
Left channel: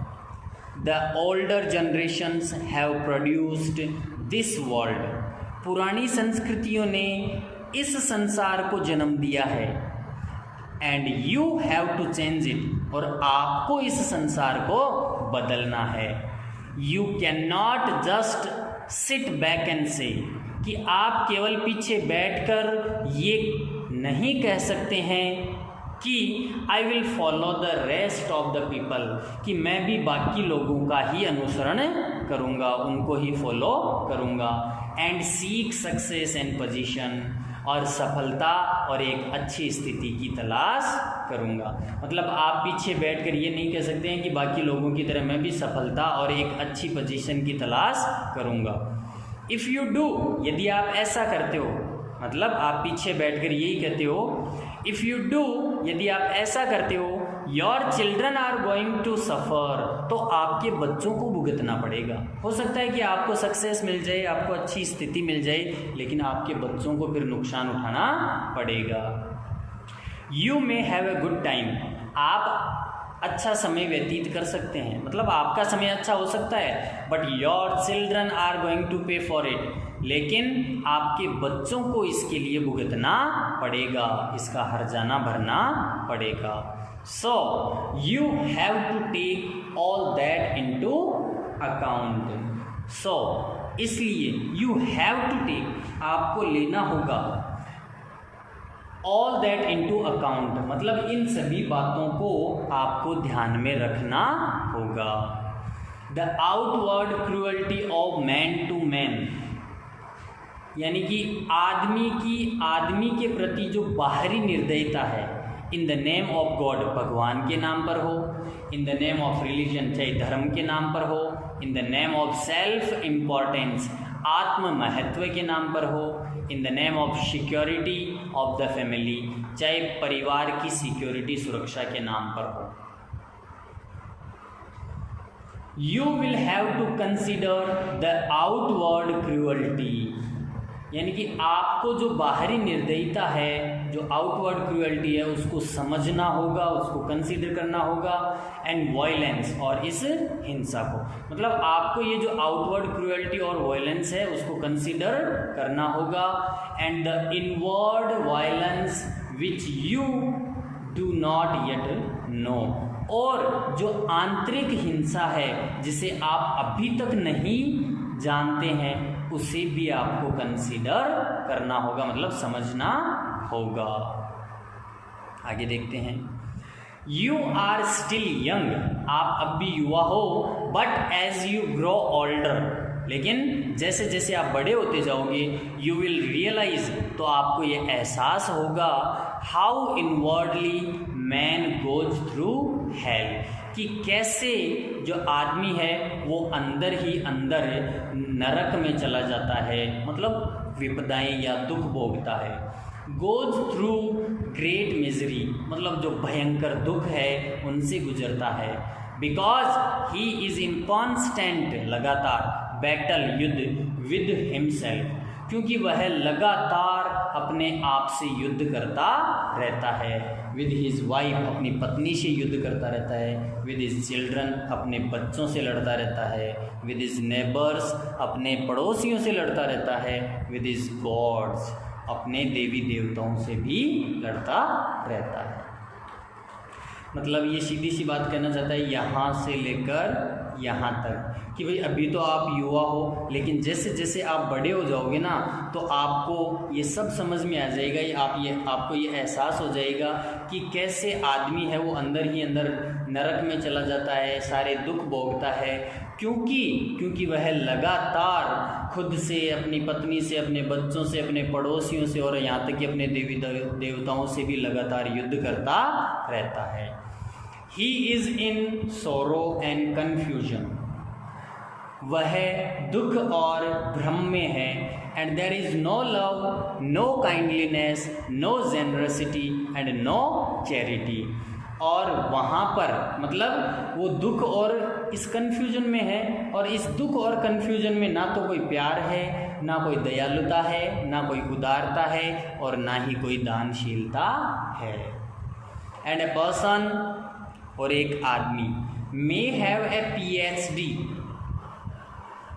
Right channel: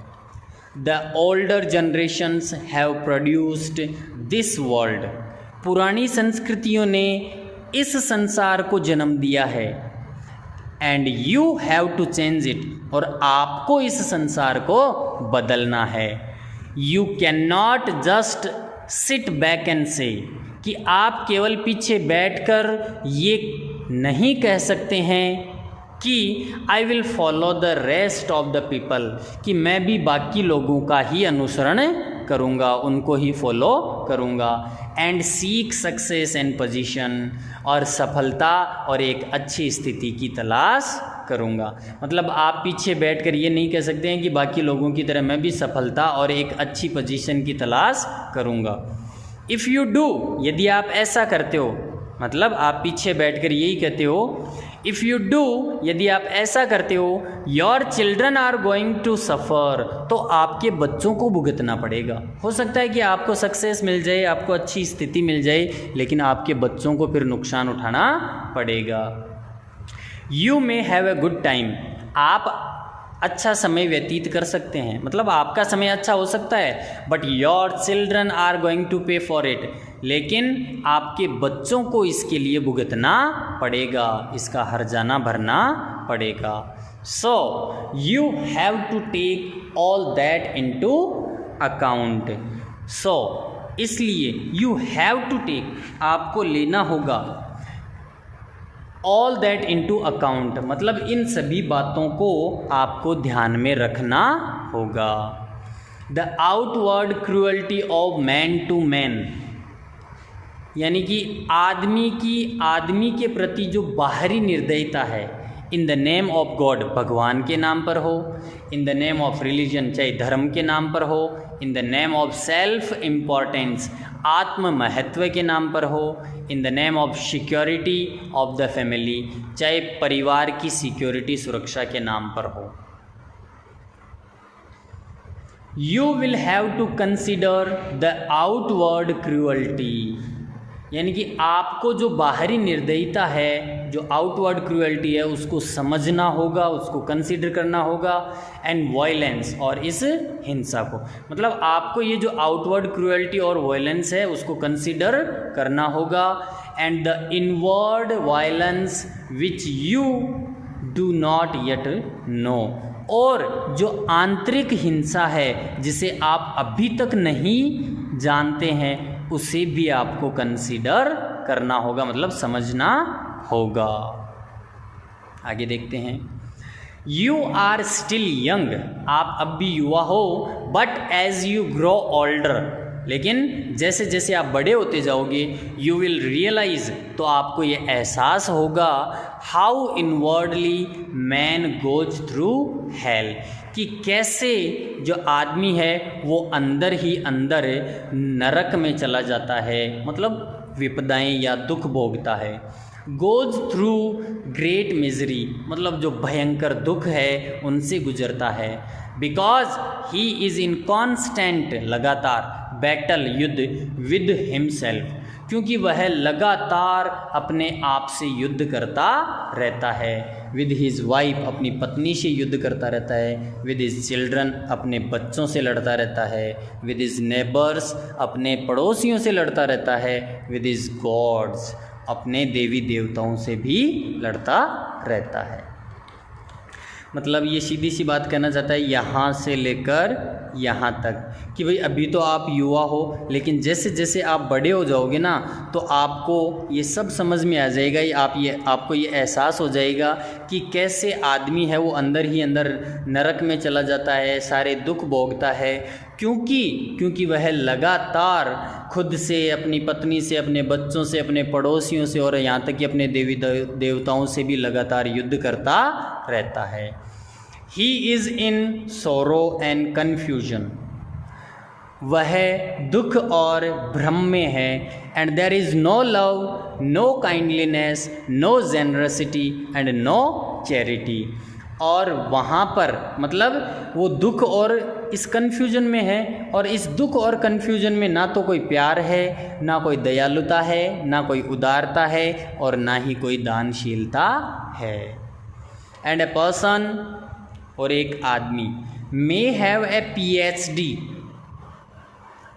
The older generations have produced this world, पुरानी संस्कृतियों ने इस संसार को जन्म दिया है. And you have to change it, और आपको इस संसार को बदलना है. You can not just sit back and say, कि आप केवल पीछे बैठकर ये नहीं कह सकते हैं कि I will follow the rest of the people, कि मैं भी बाकी लोगों का ही अनुसरण करूँगा, उनको ही फॉलो करूँगा. And seek success and position, और सफलता और एक अच्छी स्थिति की तलाश करूँगा. मतलब आप पीछे बैठकर ये नहीं कह सकते हैं कि बाकी लोगों की तरह मैं भी सफलता और एक अच्छी पोजीशन की तलाश करूँगा. इफ़ यू डू, यदि आप ऐसा करते हो, मतलब आप पीछे बैठकर यही कहते हो, इफ़ यू डू, यदि आप ऐसा करते हो, your children are going to suffer, तो आपके बच्चों को भुगतना पड़ेगा. हो सकता है कि आपको सक्सेस मिल जाए, आपको अच्छी स्थिति मिल जाए, लेकिन आपके बच्चों को फिर नुकसान उठाना पड़ेगा. You may have a good time, आप अच्छा समय व्यतीत कर सकते हैं, मतलब आपका समय अच्छा हो सकता है. But your children are going to pay for it, लेकिन आपके बच्चों को इसके लिए भुगतना पड़ेगा, इसका हर्जाना भरना पड़ेगा. So you have to take all that into account. So इसलिए यू हैव टू टेक, आपको लेना होगा, ऑल दैट इनटू अकाउंट, मतलब इन सभी बातों को आपको ध्यान में रखना होगा. The outward cruelty of man to man, यानी कि आदमी के प्रति जो बाहरी निर्दयता है, in the name of God, भगवान के नाम पर हो, in the name of religion, चाहे धर्म के नाम पर हो, in the name of self importance, आत्म महत्व के नाम पर हो, in the name of security of the family, चाहे परिवार की सिक्योरिटी सुरक्षा के नाम पर हो। You will have to consider the outward cruelty, यानी कि आपको जो बाहरी निर्दयता है, जो आउटवर्ड क्रूअल्टी है, उसको समझना होगा, उसको कंसीडर करना होगा, एंड वायलेंस, और इस हिंसा को, मतलब आपको ये जो आउटवर्ड क्रूअल्टी और वायलेंस है उसको कंसीडर करना होगा, and the inward violence which you do not yet know, और जो आंतरिक हिंसा है जिसे आप अभी तक नहीं जानते हैं उसे भी आपको कंसीडर करना होगा, मतलब समझना होगा। आगे देखते हैं। यू आर स्टिल यंग, आप अब भी युवा हो, but as you grow older, लेकिन जैसे जैसे आप बड़े होते जाओगे, यू विल रियलाइज, तो आपको ये एहसास होगा, how inwardly man goes through hell, कि कैसे जो आदमी है वो अंदर ही अंदर नरक में चला जाता है, मतलब विपदाएं या दुख भोगता है। गोज थ्रू ग्रेट मिजरी, मतलब जो भयंकर दुख है उनसे गुजरता है। Because he is in constant, लगातार, बैटल, युद्ध विद हिमसेल्फ, क्योंकि वह लगातार अपने आप से युद्ध करता रहता है। विद हिज वाइफ, अपनी पत्नी से युद्ध करता रहता है। विद हिज चिल्ड्रन, अपने बच्चों से लड़ता रहता है। विद हिज नेबर्स, अपने पड़ोसियों से लड़ता रहता है। विद हिज गॉड्स, अपने देवी देवताओं से भी लड़ता रहता है। मतलब ये सीधी सी बात कहना चाहता है यहाँ से लेकर यहाँ तक, कि भाई अभी तो आप युवा हो, लेकिन जैसे जैसे आप बड़े हो जाओगे ना, तो आपको ये सब समझ में आ जाएगा, आपको ये एहसास हो जाएगा कि कैसे आदमी है वो अंदर ही अंदर नरक में चला जाता है, सारे दुख भोगता है, क्योंकि वह लगातार खुद से, अपनी पत्नी से, अपने बच्चों से, अपने पड़ोसियों से, और यहाँ तक कि अपने देवी देवताओं से भी लगातार युद्ध करता रहता है। He is in sorrow and confusion, वह दुख और भ्रम में है। And there is no love, no kindliness, no generosity and no charity, और वहाँ पर मतलब वो दुख और इस कन्फ्यूजन में है, और इस दुख और कन्फ्यूजन में ना तो कोई प्यार है, ना कोई दयालुता है, ना कोई उदारता है, और ना ही कोई दानशीलता है। एंड ए पर्सन, और एक आदमी, may have a PhD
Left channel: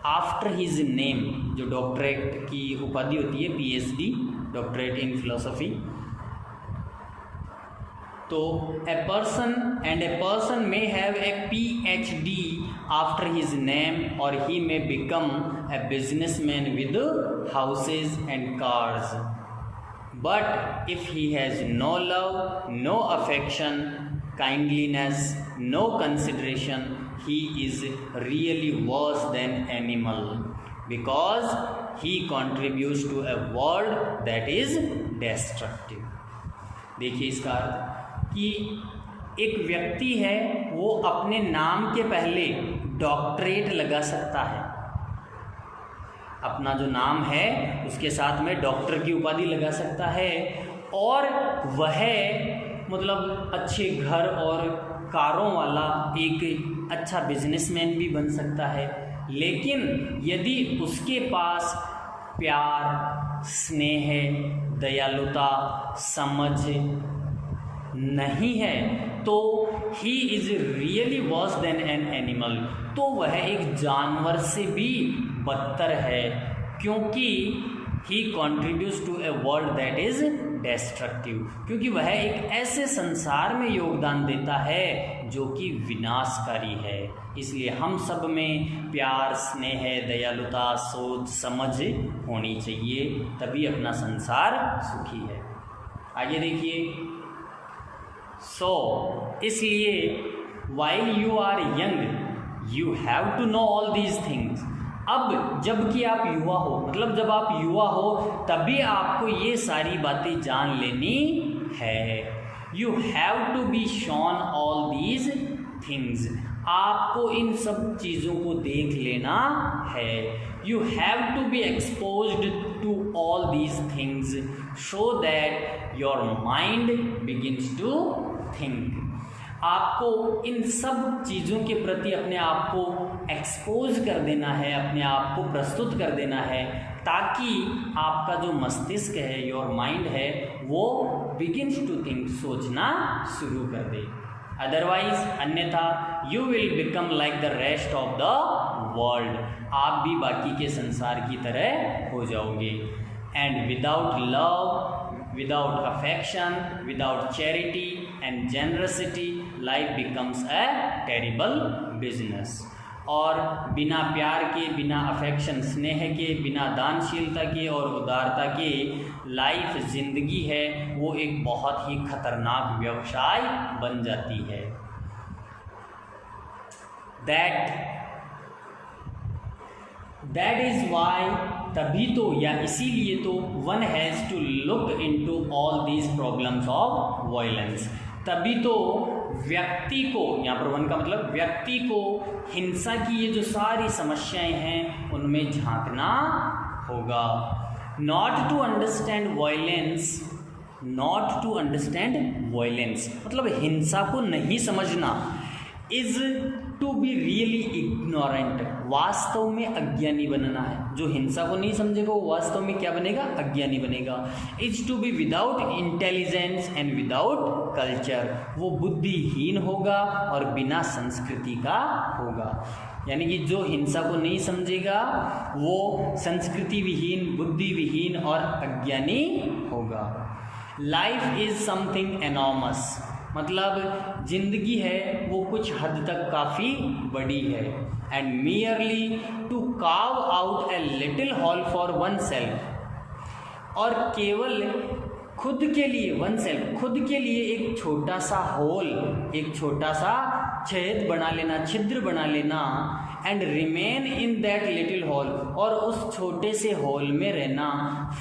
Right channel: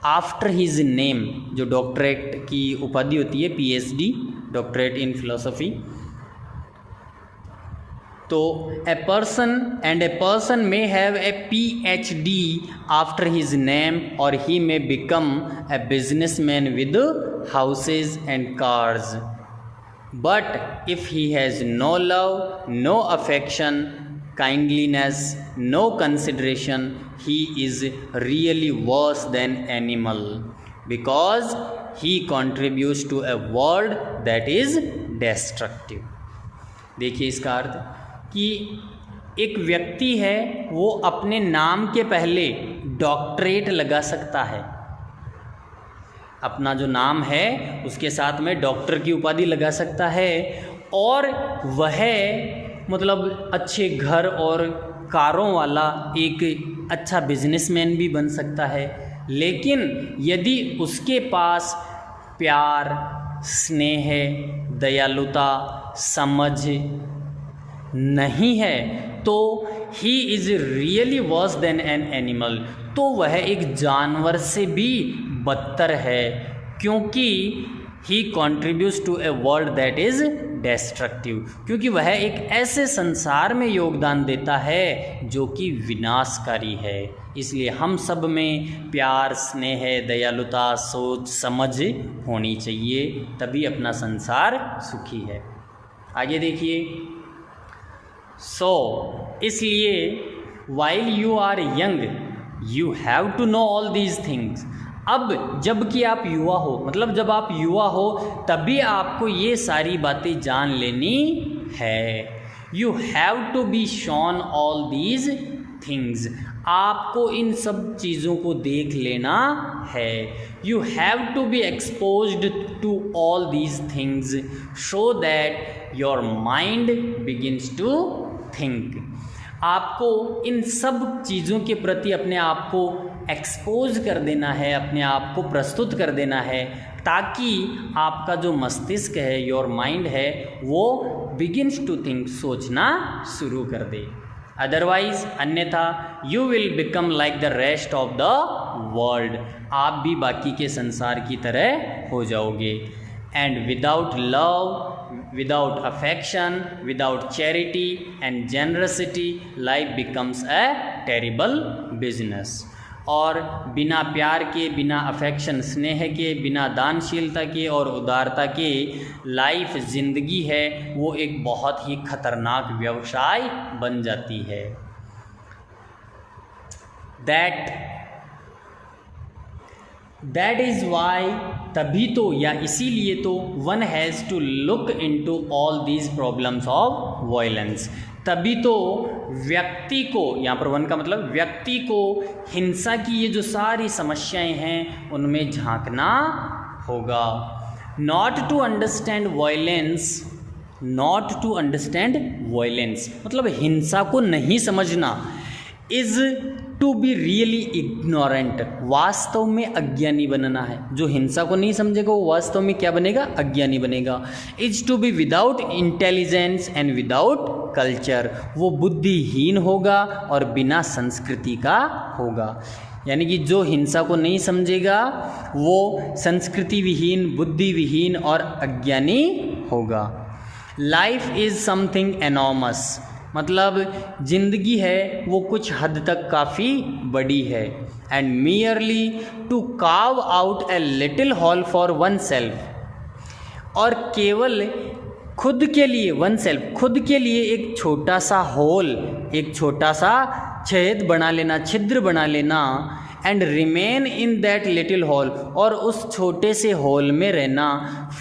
after his name, जो डॉक्टरेट की उपाधि होती है PhD, डॉक्टरेट इन फिलोसफी। तो a person may have a PhD after his name, और he may become a businessman with houses and cars, but if he has no love, no affection, kindliness, no consideration, he is really worse than animal, because he contributes to a world that is destructive। देखिए इसका अर्थ कि एक व्यक्ति है वो अपने नाम के पहले डॉक्टरेट लगा सकता है, अपना जो नाम है उसके साथ में डॉक्टर की उपाधि लगा सकता है, और वह मतलब अच्छे घर और कारों वाला एक अच्छा बिजनेसमैन भी बन सकता है। लेकिन यदि उसके पास प्यार, स्नेह, दयालुता, समझ नहीं है, तो he is really worse than an animal, तो वह एक जानवर से भी बदतर है, क्योंकि he contributes to a world that is destructive, क्योंकि वह एक ऐसे संसार में योगदान देता है जो कि विनाशकारी है। इसलिए हम सब में प्यार, स्नेह, दयालुता, सोच, समझ होनी चाहिए, तभी अपना संसार सुखी है। आगे देखिए। इसलिए while you are young, you have to know all these things. अब जबकि आप युवा हो, मतलब जब आप युवा हो तभी आपको ये सारी बातें जान लेनी है। You have to be shown all these things, आपको इन सब चीज़ों को देख लेना है। You have to be exposed to all these things so that your mind begins to think. आपको इन सब चीज़ों के प्रति अपने आप को एक्सपोज कर देना है, अपने आप को प्रस्तुत कर देना है, ताकि आपका जो मस्तिष्क है, योर माइंड है, वो बिगिन्स टू थिंक, सोचना शुरू कर दे। अदरवाइज, अन्यथा you will become like the rest of the world, आप भी बाकी के संसार की तरह हो जाओगे। And without love, without affection, without charity and generosity, life becomes a terrible business। और बिना प्यार के, बिना अफेक्शन, स्नेह के, बिना दानशीलता के और उदारता के लाइफ, जिंदगी है, वो एक बहुत ही खतरनाक व्यवसाय बन जाती है। दैट इज़ वाई, तभी तो या इसीलिए तो one has to look into all these problems of violence, तभी तो व्यक्ति को, यहाँ पर वन का मतलब व्यक्ति को हिंसा की ये जो सारी समस्याएं हैं उनमें झांकना होगा। Not to understand violence, not to understand violence मतलब हिंसा को नहीं समझना। Is to be really ignorant, वास्तव में अज्ञानी बनना है। जो हिंसा को नहीं समझेगा वो वास्तव में क्या बनेगा? अज्ञानी बनेगा। Is to be without intelligence and without culture, वो बुद्धिहीन होगा और बिना संस्कृति का होगा। यानी कि जो हिंसा को नहीं समझेगा वो संस्कृति विहीन, बुद्धि विहीन और अज्ञानी होगा। लाइफ इज समथिंग एनॉर्मस, मतलब जिंदगी है वो कुछ हद तक काफ़ी बड़ी है। And merely to carve out a little hole for oneself, और केवल खुद के लिए, वन सेल्फ खुद के लिए एक छोटा सा होल, एक छोटा सा छेद बना लेना, छिद्र बना लेना। And remain in that little hall, और उस छोटे से हॉल में रहना।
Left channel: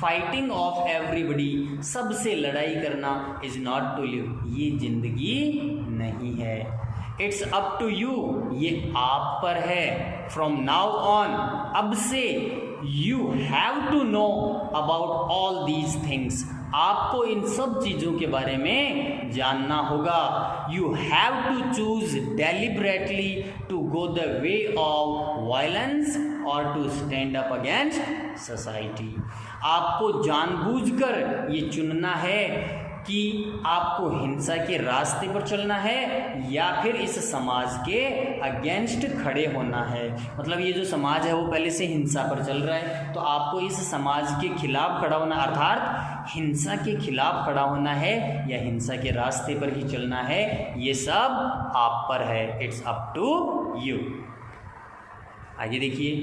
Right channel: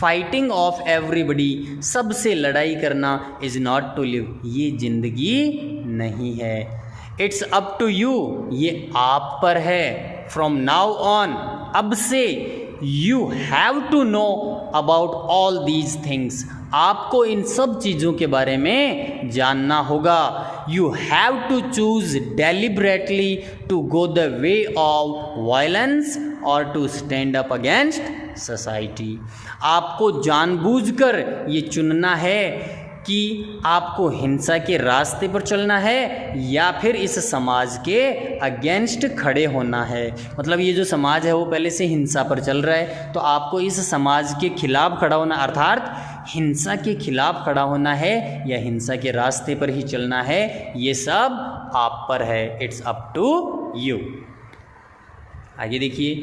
फाइटिंग ऑफ एवरीबडी, सबसे लड़ाई करना। इज़ नॉट टू लिव, ये जिंदगी नहीं है। इट्स अप टू यू, ये आप पर है। फ्रॉम नाउ ऑन, अब से you have to know about all these things, आपको इन सब चीज़ों के बारे में जानना होगा। You have to choose deliberately to go the way of violence और to stand up against society, आपको जानबूझकर ये चुनना है कि आपको हिंसा के रास्ते पर चलना है या फिर इस समाज के अगेंस्ट खड़े होना है। मतलब ये जो समाज है वो पहले से हिंसा पर चल रहा है, तो आपको इस समाज के खिलाफ खड़ा होना, अर्थात हिंसा के खिलाफ खड़ा होना है या हिंसा के रास्ते पर ही चलना है, ये सब आप पर है। It's up to you. आगे देखिए,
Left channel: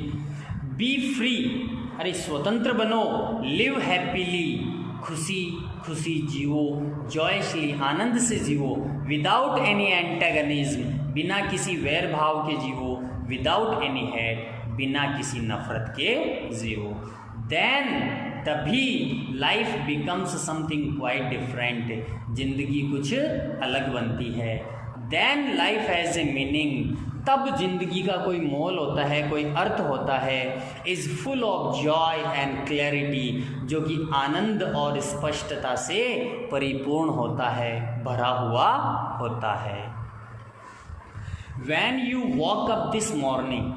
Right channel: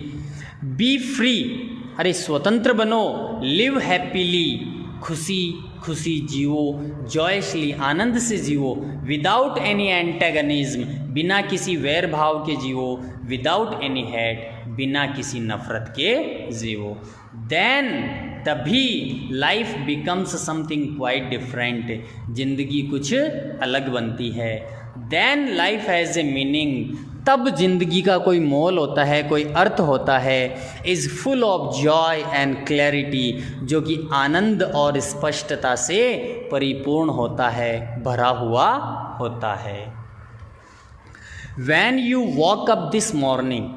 बी फ्री, अरे स्वतंत्र बनो। लिव हैप्पीली, खुशी खुशी जियो। जॉयसली, आनंद से जियो। विदाउट एनी एंटेगनिज्म, बिना किसी वैर भाव के जियो। विदाउट एनी हेट, बिना किसी नफरत के जियो। देन, तभी life becomes something quite different, जिंदगी कुछ अलग बनती है। Then life has a meaning, तब जिंदगी का कोई मोल होता है, कोई अर्थ होता है। Is full of Joy and clarity, जो कि आनंद और स्पष्टता से परिपूर्ण होता है, भरा हुआ होता है। When you woke up this morning,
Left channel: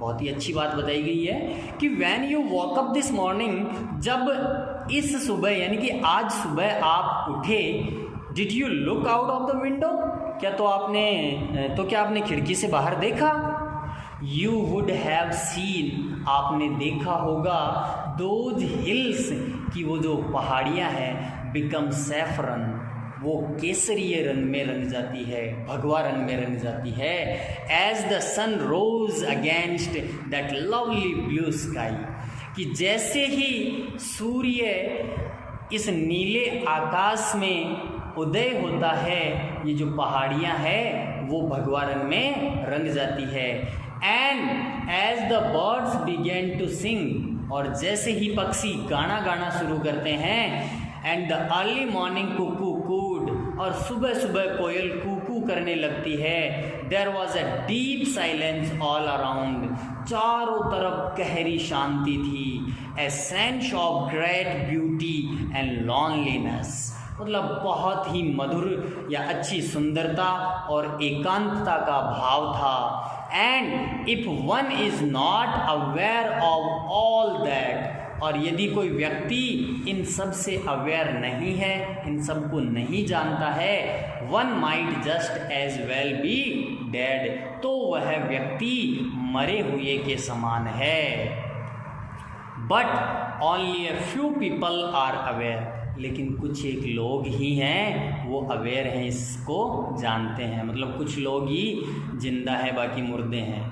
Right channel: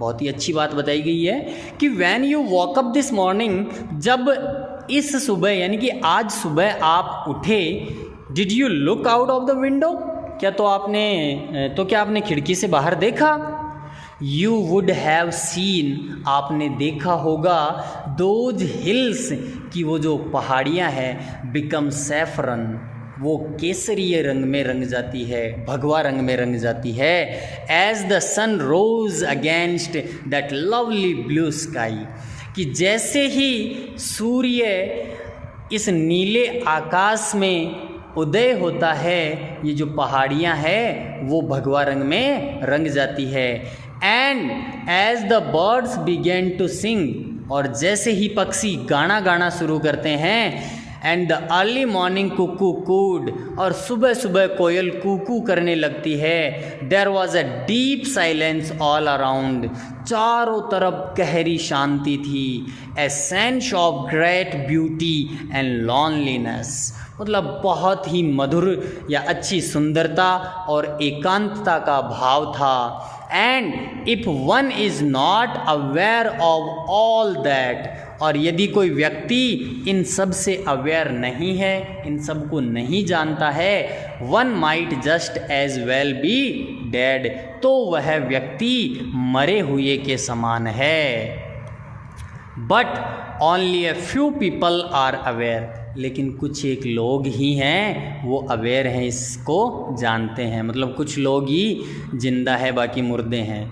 बहुत ही अच्छी बात बताई गई है कि when you woke up this morning, जब इस सुबह यानी कि आज सुबह आप उठे, did you look out of the window, क्या क्या आपने खिड़की से बाहर देखा? You would have seen, आपने देखा होगा, those hills, कि वो जो पहाड़ियाँ हैं, become saffron, वो केसरीय रंग में रंग जाती है, भगवा रंग में रंग जाती है। As the sun rose against that lovely blue sky, कि जैसे ही सूर्य इस नीले आकाश में उदय होता है, ये जो पहाड़ियाँ हैं वो भगवा रंग में रंग जाती है। And as the birds begin to sing, और जैसे ही पक्षी गाना गाना शुरू करते हैं, and the early morning cuckoo cooed, और सुबह सुबह कोयल कूकू करने लगती है। There was a deep silence all around, चारों तरफ गहरी शांति थी। A sense of great beauty and loneliness, मतलब बहुत ही मधुर या अच्छी सुंदरता और एकांतता का भाव था। And if one is not aware of all that, और यदि कोई व्यक्ति इन सब से अवेयर नहीं है, इन सब को नहीं जानता है, one might just as well be dead, तो वह व्यक्ति मरे हुए के समान है। But only a few people are aware, लेकिन कुछ एक लोग ही हैं वो अवेयर हैं, इसको जानते हैं, मतलब कुछ लोग ही जिंदा है, बाकी मुर्दे हैं।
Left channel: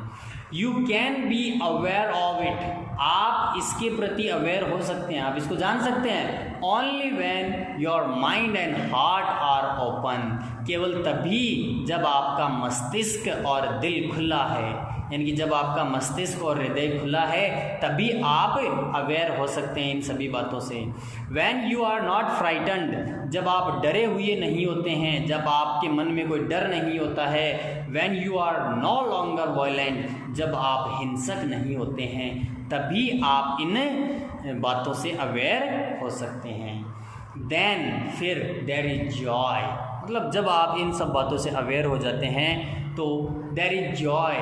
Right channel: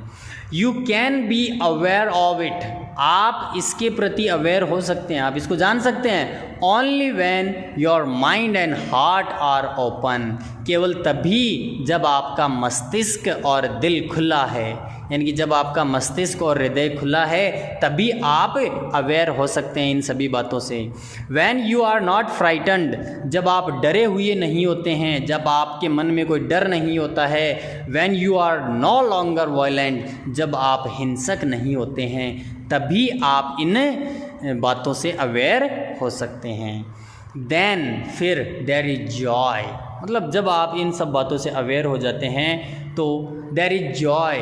You can be aware of it, आप इसके प्रति अवेयर हो सकते हैं, आप इसको जान सकते हैं। Only when your mind and heart are open, केवल तभी जब आपका मस्तिष्क और दिल खुला है, यानी कि जब आपका मस्तिष्क और हृदय खुला है तभी आप अवेयर हो सकते हैं इन सभी बातों से। When you are not frightened, जब आप डरे हुए नहीं होते हैं, जब आपके मन में कोई डर नहीं होता है। When you are no longer violent, जब आप हिंसक नहीं होते हैं, तभी आप इन बातों से अवेयर हो सकते हैं। देन फिर देयर इज जॉय, मतलब जब आप इन सब बातों से अवेयर हो जाते हैं तो देयर इज जॉय,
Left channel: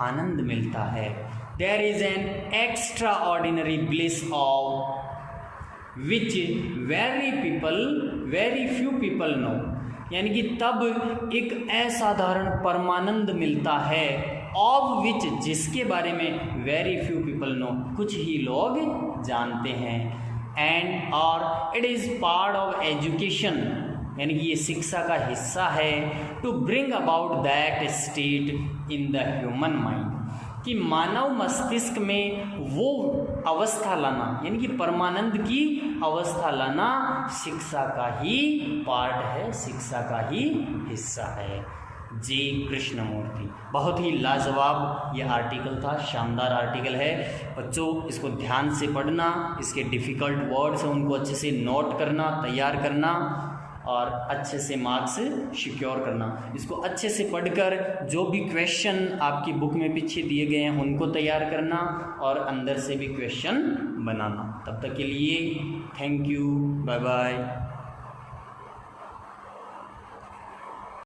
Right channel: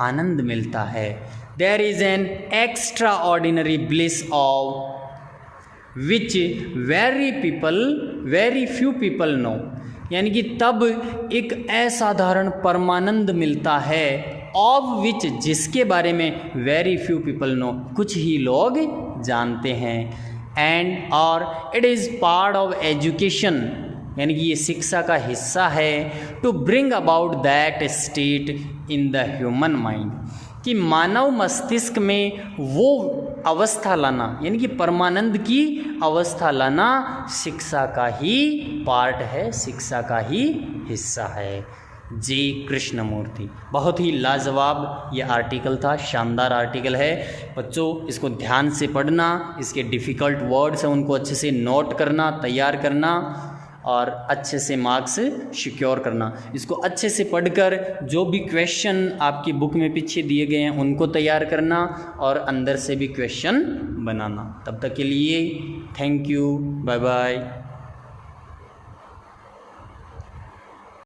आनंद मिलता है। There is an extraordinary bliss of which very few people know, यानी कि तब एक असाधारण परमानंद मिलता है, ऑफ विच, जिसके बारे में वेरी फ्यू पीपल नो, कुछ ही लोग जानते हैं। एंड और it is part of education, यानी कि ये शिक्षा का हिस्सा है, to bring about that state in the human mind, कि मानव मस्तिष्क में वो अवस्था लाना, यानी कि परमानंद की अवस्था लाना शिक्षा का ही पार्ट है, शिक्षा का ही हिस्सा है। जी कृष्णमूर्ति, बहुत ही लाजवाब ये आर्टिकल था, शानदार आर्टिकल है। बच्चों इसको ध्यान से पढ़ना, इसके डिफ़िकल्ट वर्ड्स हैं उनको अच्छे से नोट करना, तैयार करना और अच्छे से मार्क्स सिक्योर करना। इसको अच्छे से पढ़कर जो भी क्वेश्चन आपकी बुक में पीछे दिए गए हैं उनको तैयार करना और अंदर से भी क्वेश्चन बनाना। तब तक के लिए थैंक यू, बाय बाय।